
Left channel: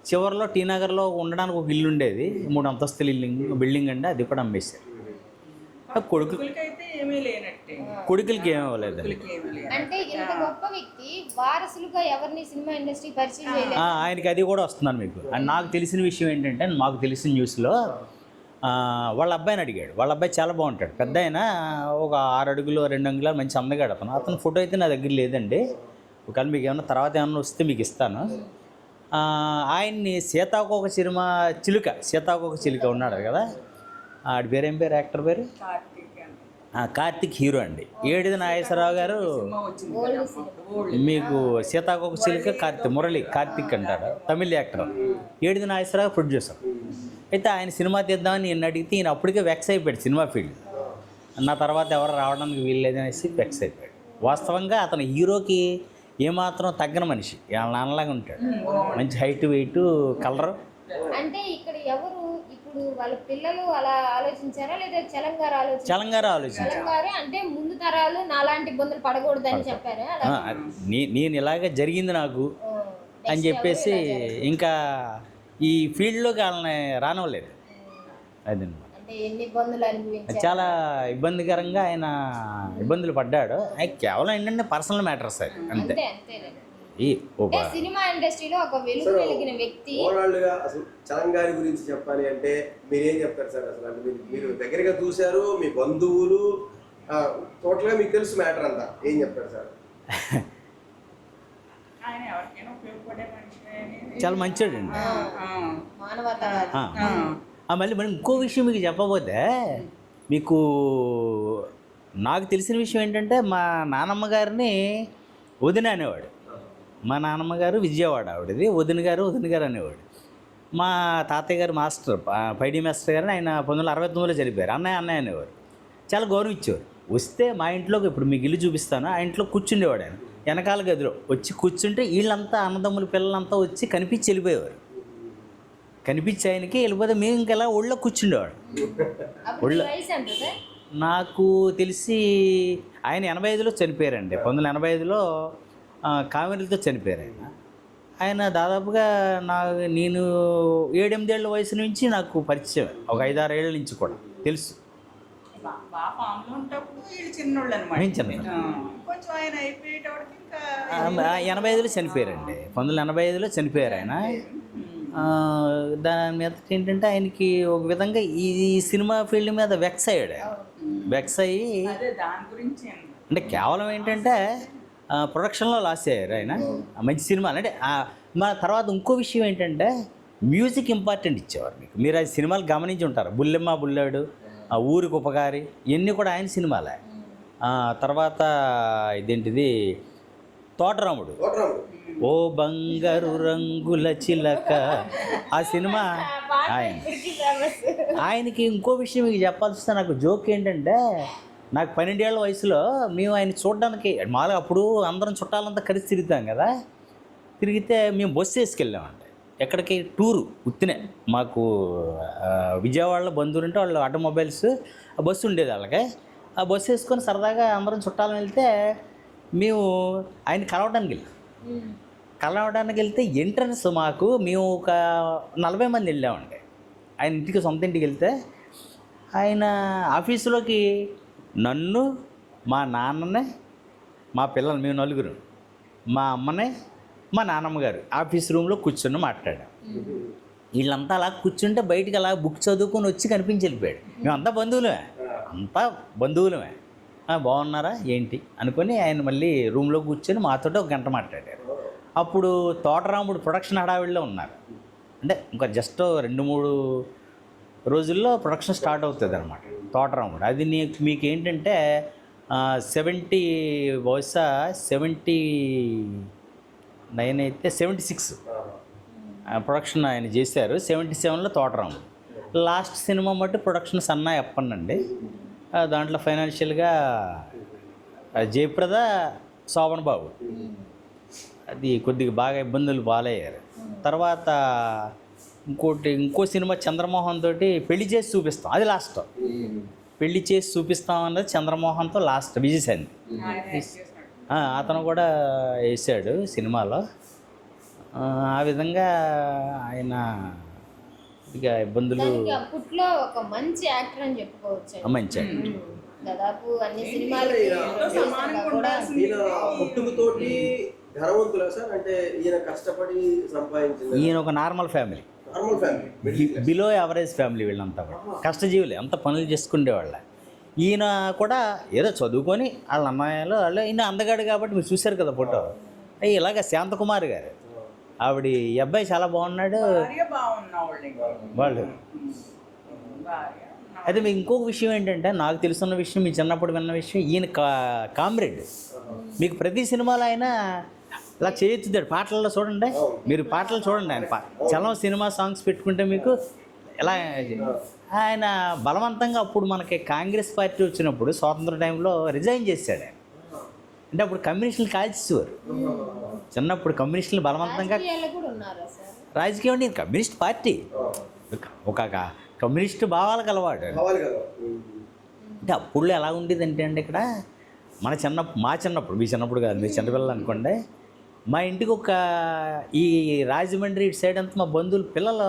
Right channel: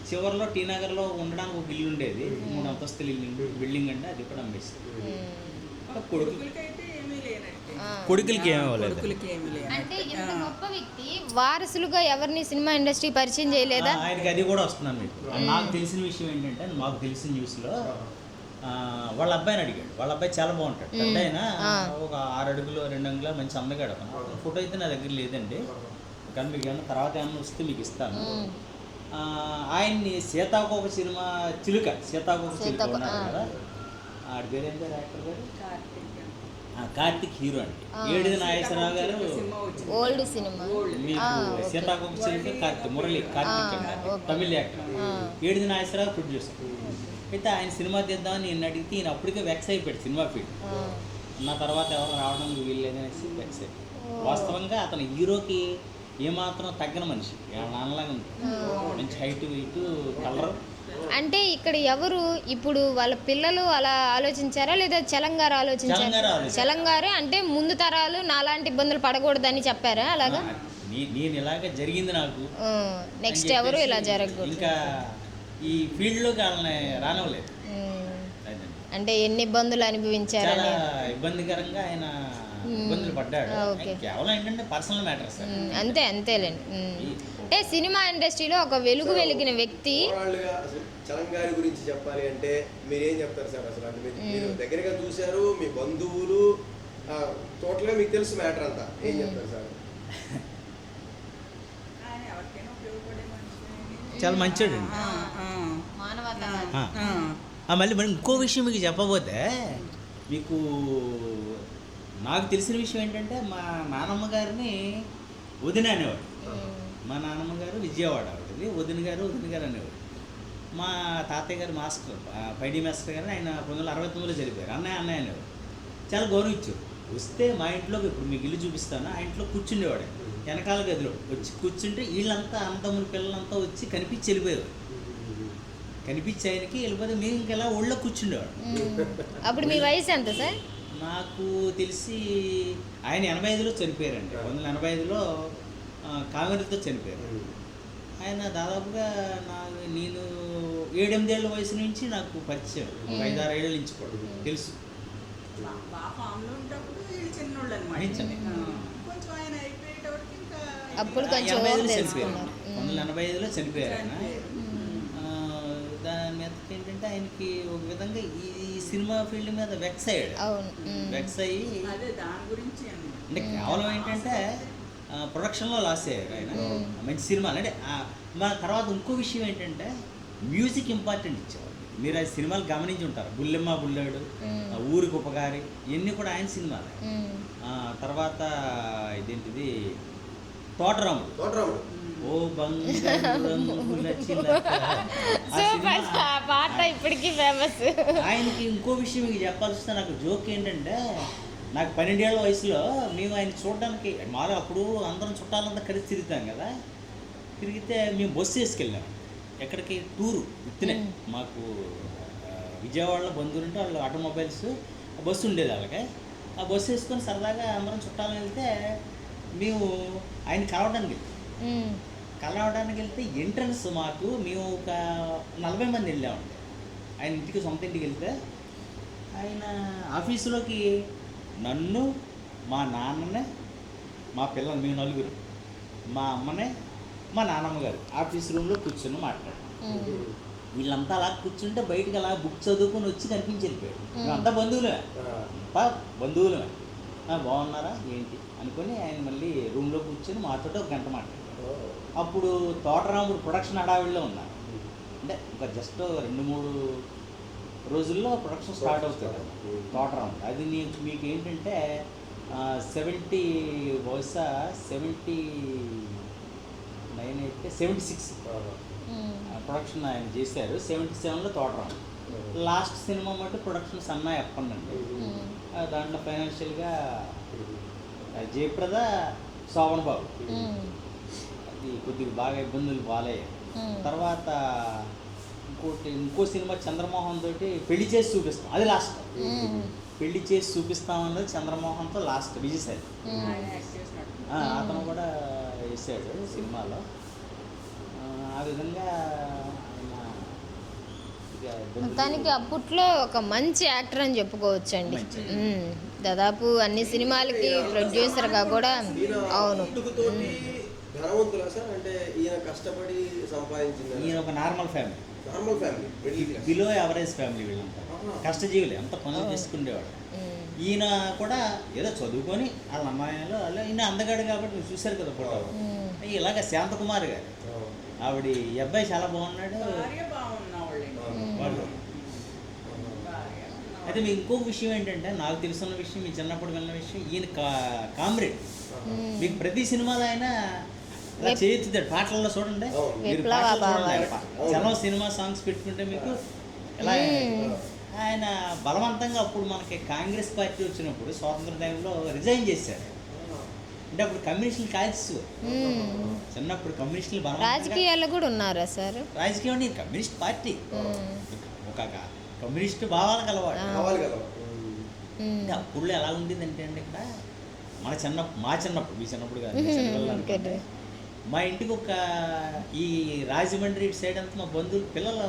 చివరిలో టీ నగర్లో ఉండడానికి ఒక ఇల్లు ఉండేది, 3 అంతస్తుల బిల్డింగ్ అండి, అది కూడా అమ్మేశారు. కొడుకులకి ఏమీ అవ్వలేదు. అంటే ఇంత గొప్ప వ్యక్తి వారసులుగా ఎవరిని సినిమా ఇండస్ట్రీ పరిచయం చేయలేదా? ఆయనకి అది కూడా వస్తున్నాను మీకు. నాకు తెలిసిన విషయం ఏంటంటే, మాకు తెలిసిన న్యూస్లో వాళ్ళ అబ్బాయిని అడిగాడు. వాళ్ళ అబ్బాయి చాలా బాగుంటాడు, పెద్ద ఆయన, ఒక 6 అడుగులు 2 అంగుళాలు, మంచి అందగాడు అతను. అతను ఫోటో అయితే నా దగ్గర లేదండి, కానీ మీకు ఏమన్నా తర్వాత ఏమన్నా వస్తే మీకు ఇస్తాను. ఆయన్ని సీతాకోక చిలుక ఉన్నాడు కదా, ఆడి పేరు ఏం పేరు, యాక్టర్ పేరు కార్తిక్, హీరో అండి. ఏడిది నాగేశ్వరరావు గారు ఓల్డ్ సినిమా మీకు సీతాకోక చిలుక కార్తిక్ అంటారు, తమిళ్ యాక్టర్. ఏడిది నాగేశ్వరరావు ప్రొడ్యూసర్. అయితే ఆయన సినిమా తీద్దామని నేను అడిగితే ఈయన అప్పటికే వెక్స్ అయిపోయాడు సినిమా ఫీల్డ్. నా తర్వాత ఎవరు రావడానికి వీల్లేదనేసి వెక్స్ అయిపోయాడు. వాస్తవంగా అతను హీరోకి ఏమాత్రం తగ్గన మనిషి, నాన్నలాగా ఉంటాడు, మంచి హైట్, వెయిట్, కలర్. అంటే ఇక్కడ ఎవరు ఇప్పుడు వాళ్ళ పిల్లలు అలా ఆలోచించారా లేదా చలంగారు ఆలోచించారా? చలంగారే అంటే ముందు తరాలు నాలాంటి ఇబ్బందులు పడకూడదని చెప్పారా? అలా నేను ఇలాగే జరిగింది నాకు అని చెప్పేసి ఇంకా ఈ ఫీల్డ్లోకి వాళ్ళని రానివ్వలేదు. అదండి, అంటే ఎన్ని ఇబ్బందులు అనుభవించారు, చాలా ఇబ్బందికరంగా ఆయన ఇబ్బందులు పడ్డాడు. కేవలం ఏంటంటే పర్సనల్ మ్యాటర్స్ అంతేలేండి. అంటే సినిమా ఇండస్ట్రీలో ఒక వెలుగు వెలిగిన వ్యక్తి. అసలు చలంగారి గురించి చెప్పాలి అంటే మీరేం చెప్తారు సార్? అసలు మీరు దగ్గరగా చూశారు, మీ బంధువులు, టోటల్గా మీకు తెలుసు మ్యాటర్ అంతా, ఏం చెప్తారు సార్? చాలా మంచిది. మళ్ళీ మనం ఇంకో విషయం మీకు చెప్పబోతే, మీకు నాకు తెలిసిన విషయం ఏంటంటే, మా నాన్నమ్మ గారిని వదిన అనేవాడు. మా నాన్నమ్మ గారు విజయవాడ, ఆవిడది వదిన గారు అనేవాడు. మా తాతయ్య గారు మాస్టర్, పైడి మాస్టర్ గారిని ఆయన 1969లో చనిపోయారు. అన్నయ్య అనేవాడు. చాలా గౌరవించేవాడు. వస్తే మా ఇంట్లోకి, ఇప్పుడు మీకు ఇల్లు చూపిస్తాను, ఆ ఇంట్లో కూర్చుండేవాడు. ఆయన వెనకాల గదిలో వచ్చి కూర్చుంటే వీళ్ళంతా అన్నదమ్ముల పిల్లలంతా వచ్చి కనిపించి వెళ్ళిపోయేవారు. కనిపించి ఆయనకి వెళ్ళిపోతే మేము ఇంకెలా ఒళ్ళో కూర్చుండేవాడు. నాకు తెలిసి ఆయన 85లో చనిపోయారండి. 1985లో కామెరీలతో చనిపోయారు ఆయన. దాదాపుగా నేను 7-8 ఏళ్ళ వయసు నుంచి నాకు పరిచయం, ఒక 5-6 ఏళ్ళ నుంచి కూడా తెలుసు. నేను చిన్న 85లో చనిపోయారండి. 1985లో చనిపోయారు ఆయన. దాని మీద ఏంటంటే ఆయనకి ఒక విధంగా ఈ సినిమా ఫీల్డ్ మీద వెక్స్ అయ్యాడు. వెక్స్ అయ్యి అంటే కేవలం ఏంటంటే ప్రొడక్షన్లో లాస్ అయ్యారు ఆయన. మంచి సినిమా అంటే మన తర్వాత ఇంకో విషయం ఏంటంటే మ్యూజిక్ ఇంపార్టెంట్ ఇచ్చేవారు. మీరు అది సినిమాలు గమనించి ఉంటారు. బుల్లెమ్మ బుల్లాడు, ఊరికి ఉపకారి, ఇవన్నీ కూడా ఆయన సినిమాలే. తర్వాత ఇదేంటిది తోటరాముడు, ఓ బంగారు రంగుల చిలక, ఆ సినిమా. ఆయనకి ఇంకో విషయం మీకు చెప్పాల్సి వస్తే నాకు జోక్ ఏంటంటే నాకు 12 ఏళ్ళ వయసులో మేము ఆయన చూడడానికి మామూలుగా అప్పుడు అందరం చుట్టాలంతా కలిసి తిరుగుతాం కదా. తిరిగితే మేము బస్సు వేసుకెళ్ళామండి ఎక్కడికి టూరు ఉత్తినే. మాకు విజయవాడలో బంధువులు ఉంటే వాళ్ళు ఆటోమొబైల్స్ ఆ బస్సు ఉండేది వాళ్ళకి. ఆ బస్సు వేసుకొని సరదాగా అందరం చుట్టాలు వెళ్తే మేము ఆయన కలవడానికి వెళ్తే ఎంట్రన్స్ మాకు మేము ఒక 40 మంది వెళ్ళామండి ఆయన ఇంటికి, సొంత ఇంటికి వెళ్తే ఆయన ఆఫీసులోకి నన్ను, మా నాన్ననే, మా పిల్లలు మేము 4, మా అమ్మనే, మా నాన్నమ్మ గారు ఆఫీస్ రూమ్లో కూర్చొని మాట్లాడాం. వీళ్ళంతా అలా కూర్చుంటే బయటికి అలా బుక్ చదువుకొని వచ్చి కనిపించి వెళ్ళిపోయాడు. మేమంతా బంధువులమే. బాగున్నారా ఏంటి అనుకొని ఆయన మళ్ళీ రూమ్లో కూర్చొని మాతో ఒక గంట మాట్లాడాడు. అప్పుడు తోటరాముడు ప్రొడక్షన్ హడావిడిలో ఉన్నారు. అంటే ఇంకా జస్ట్ 2-3 రోజుల్లో ప్రొడక్షన్ స్టార్ట్ అవుతుంది అన్నమాట తోటరాముడు. అది మీకు ఏంటంటే 79 అయితే 76 ప్రొడక్షన్ ఆయన చేశారు. 77లో తోటరాముడు. లాస్ట్ సినిమా మట్టి ప్రొడక్షన్ సన్నాయి అప్పనండి. దాంట్లో ఫైనాన్షియల్గా జయప్రద, శోభన్ బాబు అది కొద్దిగా బాగా ఇబ్బందులు బాలయ్యారు. తర్వాత ఇంకో సినిమా చంద్రమోహన్ తోటి పెళ్లి చేసి చూపిస్తాం, అది లాస్ట్. పెళ్లి చేసి చూపిస్తాం అన్నది చంద్రమోహన్తో లాస్ట్. విజయసేన్ అతను కూడా వేసాడు సినిమాలో. ఆ విధంగా ఆయన ఇక ఇబ్బందులు. అప్పట్లో ఒక మంచి యాక్టర్ అని చెప్పుకోవచ్చు అండి. మంచి దాదాపు అన్ని సినిమాలకి ప్రొడ్యూసర్గా కూడా. ఈయన ఒక normal family, below average family. వీళ్ళంతా కష్టజీవులు, అంత పనులు చేసుకునేవాళ్ళ. ఈయన కూడా ఏదో చదువుకొని వాళ్ళ అమ్మాయిలు వాళ్ళు, ఈయన అందగాడు కాబట్టి మీరు చూశారు కదా ఫోటో. ఇలాగ శాంతకుమారి గారు ఆవిడ, ఈ అబ్బాయి చాలా బాగున్నాడు వాళ్ళు. అయితే మీకు ఇంకొక విషయం ఏంటంటే నాకు తెలుసున్న విషయం, మీ చిన్నప్పుడు విన్న విషయం, ఈయన కామ్రేడ్. మీకు ప్రతి సినిమాలో ఆయన ఇలా చేయించుతాడు. పాటలలో చూడండి, మీరు పాటలు చూడండి. ఆయన చలం సినిమా సాంగ్స్ పెట్టుకుంటే మీకు ఎలా ఆయన బలవంతంగా అప్పుడు మనకి కాంగ్రెస్ పార్టీ వచ్చినప్పుడు స్వాతంత్ర టైంలో రిజైన్ చేశాడు. అంటే అప్పుడు కమ్యూనిస్టులు కాల్చేవారు. చిన్నప్పుడు కమ్యూనిస్టులు బలవంతంగా రాజకీయం అంటే కమ్యూనిస్ట్ పార్టీ, ఒక కమ్యూనిస్ట్ భావాలు కలవాడు. అంటే అప్పుడు ఎలా ఉండేదంటే అండి ఇక్కడ మా చిన్నప్పుడు, మీ చిన్నప్పుడు కాదు, మీ చిన్నపిల్లలు అనుకోండి. మా ఇంటికి ఒక ఈ రాజమండ్రి ఇటు సైడ్ అంతా మా బంధువులు పిల్లలు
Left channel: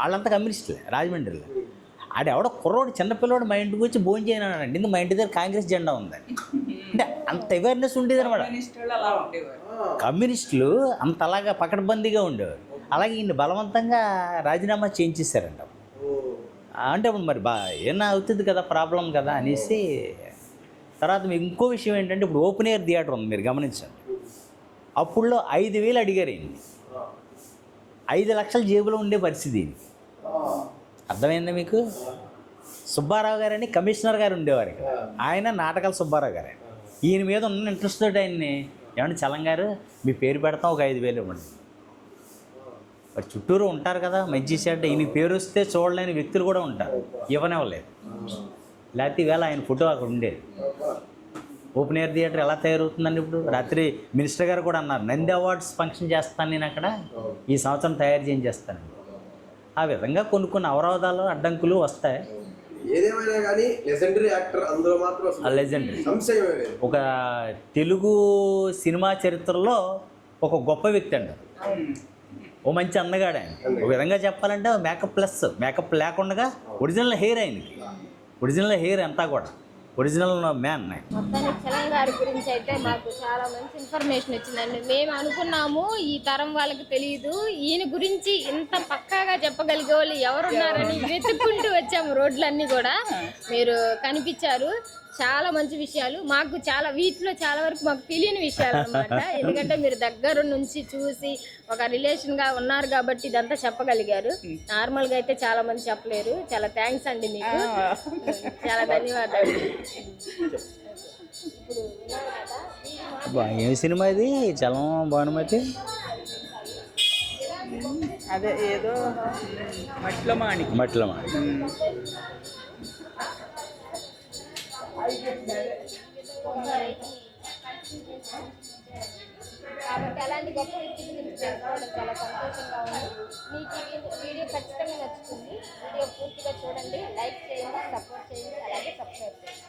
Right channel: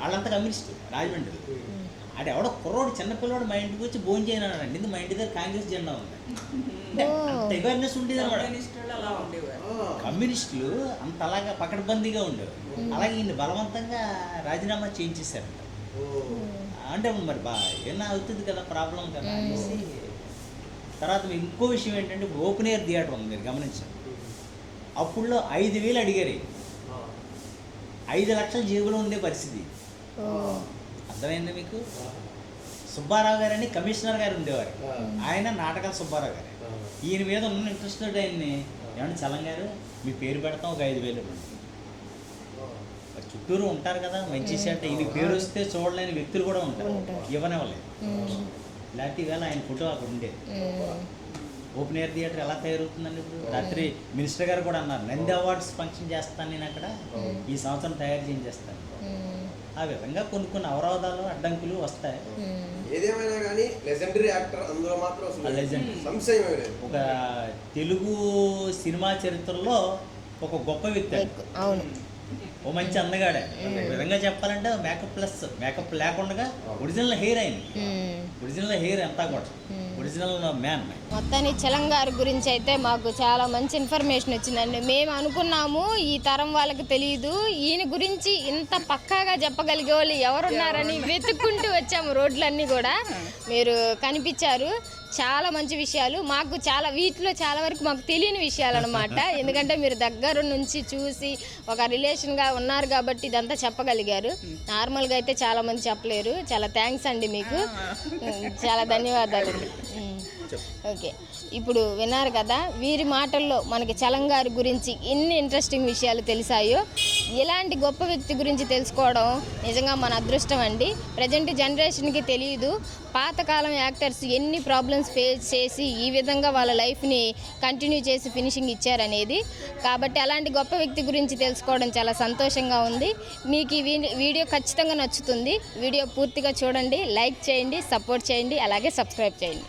వాళ్ళంతా కమ్యూనిస్టులే రాజమండ్రిలో. ఆడెవడో కుర్రోడు చిన్నపిల్లవాడు మా ఇంటికి వచ్చి భోజనం చేయనండి, ఇందుకు మా ఇంటి దగ్గర కాంగ్రెస్ జెండా ఉంది అంటే అంత అవేర్నెస్ ఉండేది అనమాట. కమ్యూనిస్టులు అంత అలాగా పకడ్బందీగా ఉండేవారు. అలాగే ఈయన బలవంతంగా రాజీనామా చేయించేశారంట. అంటే మరి ఏమన్నా అవుతుంది కదా, ప్రాబ్లం కదా అనేసి. తర్వాత మీకు ఇంకో విషయం ఏంటంటే ఇప్పుడు ఓపెన్ ఎయిర్ థియేటర్ ఉంది, మీరు గమనించండి. అప్పుడులో 5,000 అడిగారు. 5 లక్షల జేబులో ఉండే పరిస్థితి. అర్థమైందా మీకు? సుబ్బారావు గారని కమిషనర్ గారు ఉండేవారు. ఆయన నాటకాల సుబ్బారావు గారు. ఈయన మీద ఉన్న ఇంట్రెస్ట్ తోటి ఆయన్ని, ఏమంటే చలం గారు మీ పేరు పెడతాం, ఒక 5,000 ఇవ్వండి. మరి చుట్టూరు ఉంటారు కదా మంచి అంటే, ఈయన పేరు వస్తే చూడలేని వ్యక్తులు కూడా ఉంటారు, ఇవ్వనివ్వలేదు. లేకపోతే ఈవేళ ఆయన ఫోటో అక్కడ ఉండేది. ఓపెన్ ఎయిర్ థియేటర్ ఎలా తయారవుతుందండి ఇప్పుడు? రాత్రి మినిస్టర్ గారు కూడా అన్నారు, నంది అవార్డ్స్ ఫంక్షన్ చేస్తాను నేను అక్కడ, ఈ సంవత్సరం తయారు చేస్తాను. ఆ విధంగా కొన్ని అవరోధాలు, అడ్డంకులు వస్తాయి. ఏదేమైనా కానీ లెజెండరీ యాక్టర్ అందులో మాత్రం లెజెండరీ. ఒక తెలుగు సినిమా చరిత్రలో ఒక గొప్ప వ్యక్తి అండి. ఓ మంచి అందగాడే. ఒక విధంగా చెప్పాలంటే మేకప్ ప్లస్, మేకప్ లేకుండా ఒరిజినల్ హెయిర్ అయింది. ఒరిజినల్ హెయిర్ అంతా కూడా ఒరిజినల్ మ్యాన్. మొత్తాన్ని చలం గారి గురించి అయితే మాకు చాలా మంచి ఇన్ఫర్మేషన్ వచ్చిందండి. మేము అనుకున్నాము ఈ తరం వాళ్ళకి తెలియదు, ఈయన గురించి ఇంత పక్కాగా చెప్పగలిగే వాళ్ళు ఎవరున్నారని వెతుక్కుంటూ వచ్చాము రోడ్లన్నీ కూడా. మీరు కనిపించారు, చాలా మంచి విషయాలు. మాకు చాలా వీటిలో చాలా వరకు మాకు తెలియని విషయాలు అనమాట. ఎందుకంటే మీరు దగ్గర నుంచి చూసి ఒక రిలేషన్గా ఉన్నారు కాబట్టి ఇదంతా చెప్పగలిగారు. నార్మల్గా అయితే చాలా మంది చెప్పలేరు. చాలా థ్యాంక్స్ అండి మీకు, చాలా ధన్యవాదాలు. ఓకే, ఇప్పుడు విన్నారు కదా వీరి మాటల్లో మనకి చలం గారి గురించి ఎన్ని ఇంట్రెస్టింగ్ విషయాలు తెలిసాయో. ఇలాంటి గొప్ప వ్యక్తి గురించి తెలుసుకోవడం నిజంగా మన అదృష్టం అండి. ప్రజెంట్ జనరేషన్కి తెలియదు పాతకాలం యాక్టర్స్ ఎన్ని ప్రాబ్లమ్స్ ఫేస్ చేసి ఈ విధంగా వాళ్ళ లైఫ్ని కంటిన్యూ చేసి ఫినిషింగ్ ఇచ్చారనేది. కాబట్టి అలాంటి గొప్ప వ్యక్తి గురించి తెలుసుకోవడం చాలా సంతోషంగా ఉంది. మీకు ఈ వీడియో ఖచ్చితంగా నచ్చుతుంది. వీడియో పూర్తిగా చూడండి, లైక్ చేయండి, సపోర్ట్ చేయండి, అలాగే సబ్స్క్రైబ్ చేయండి.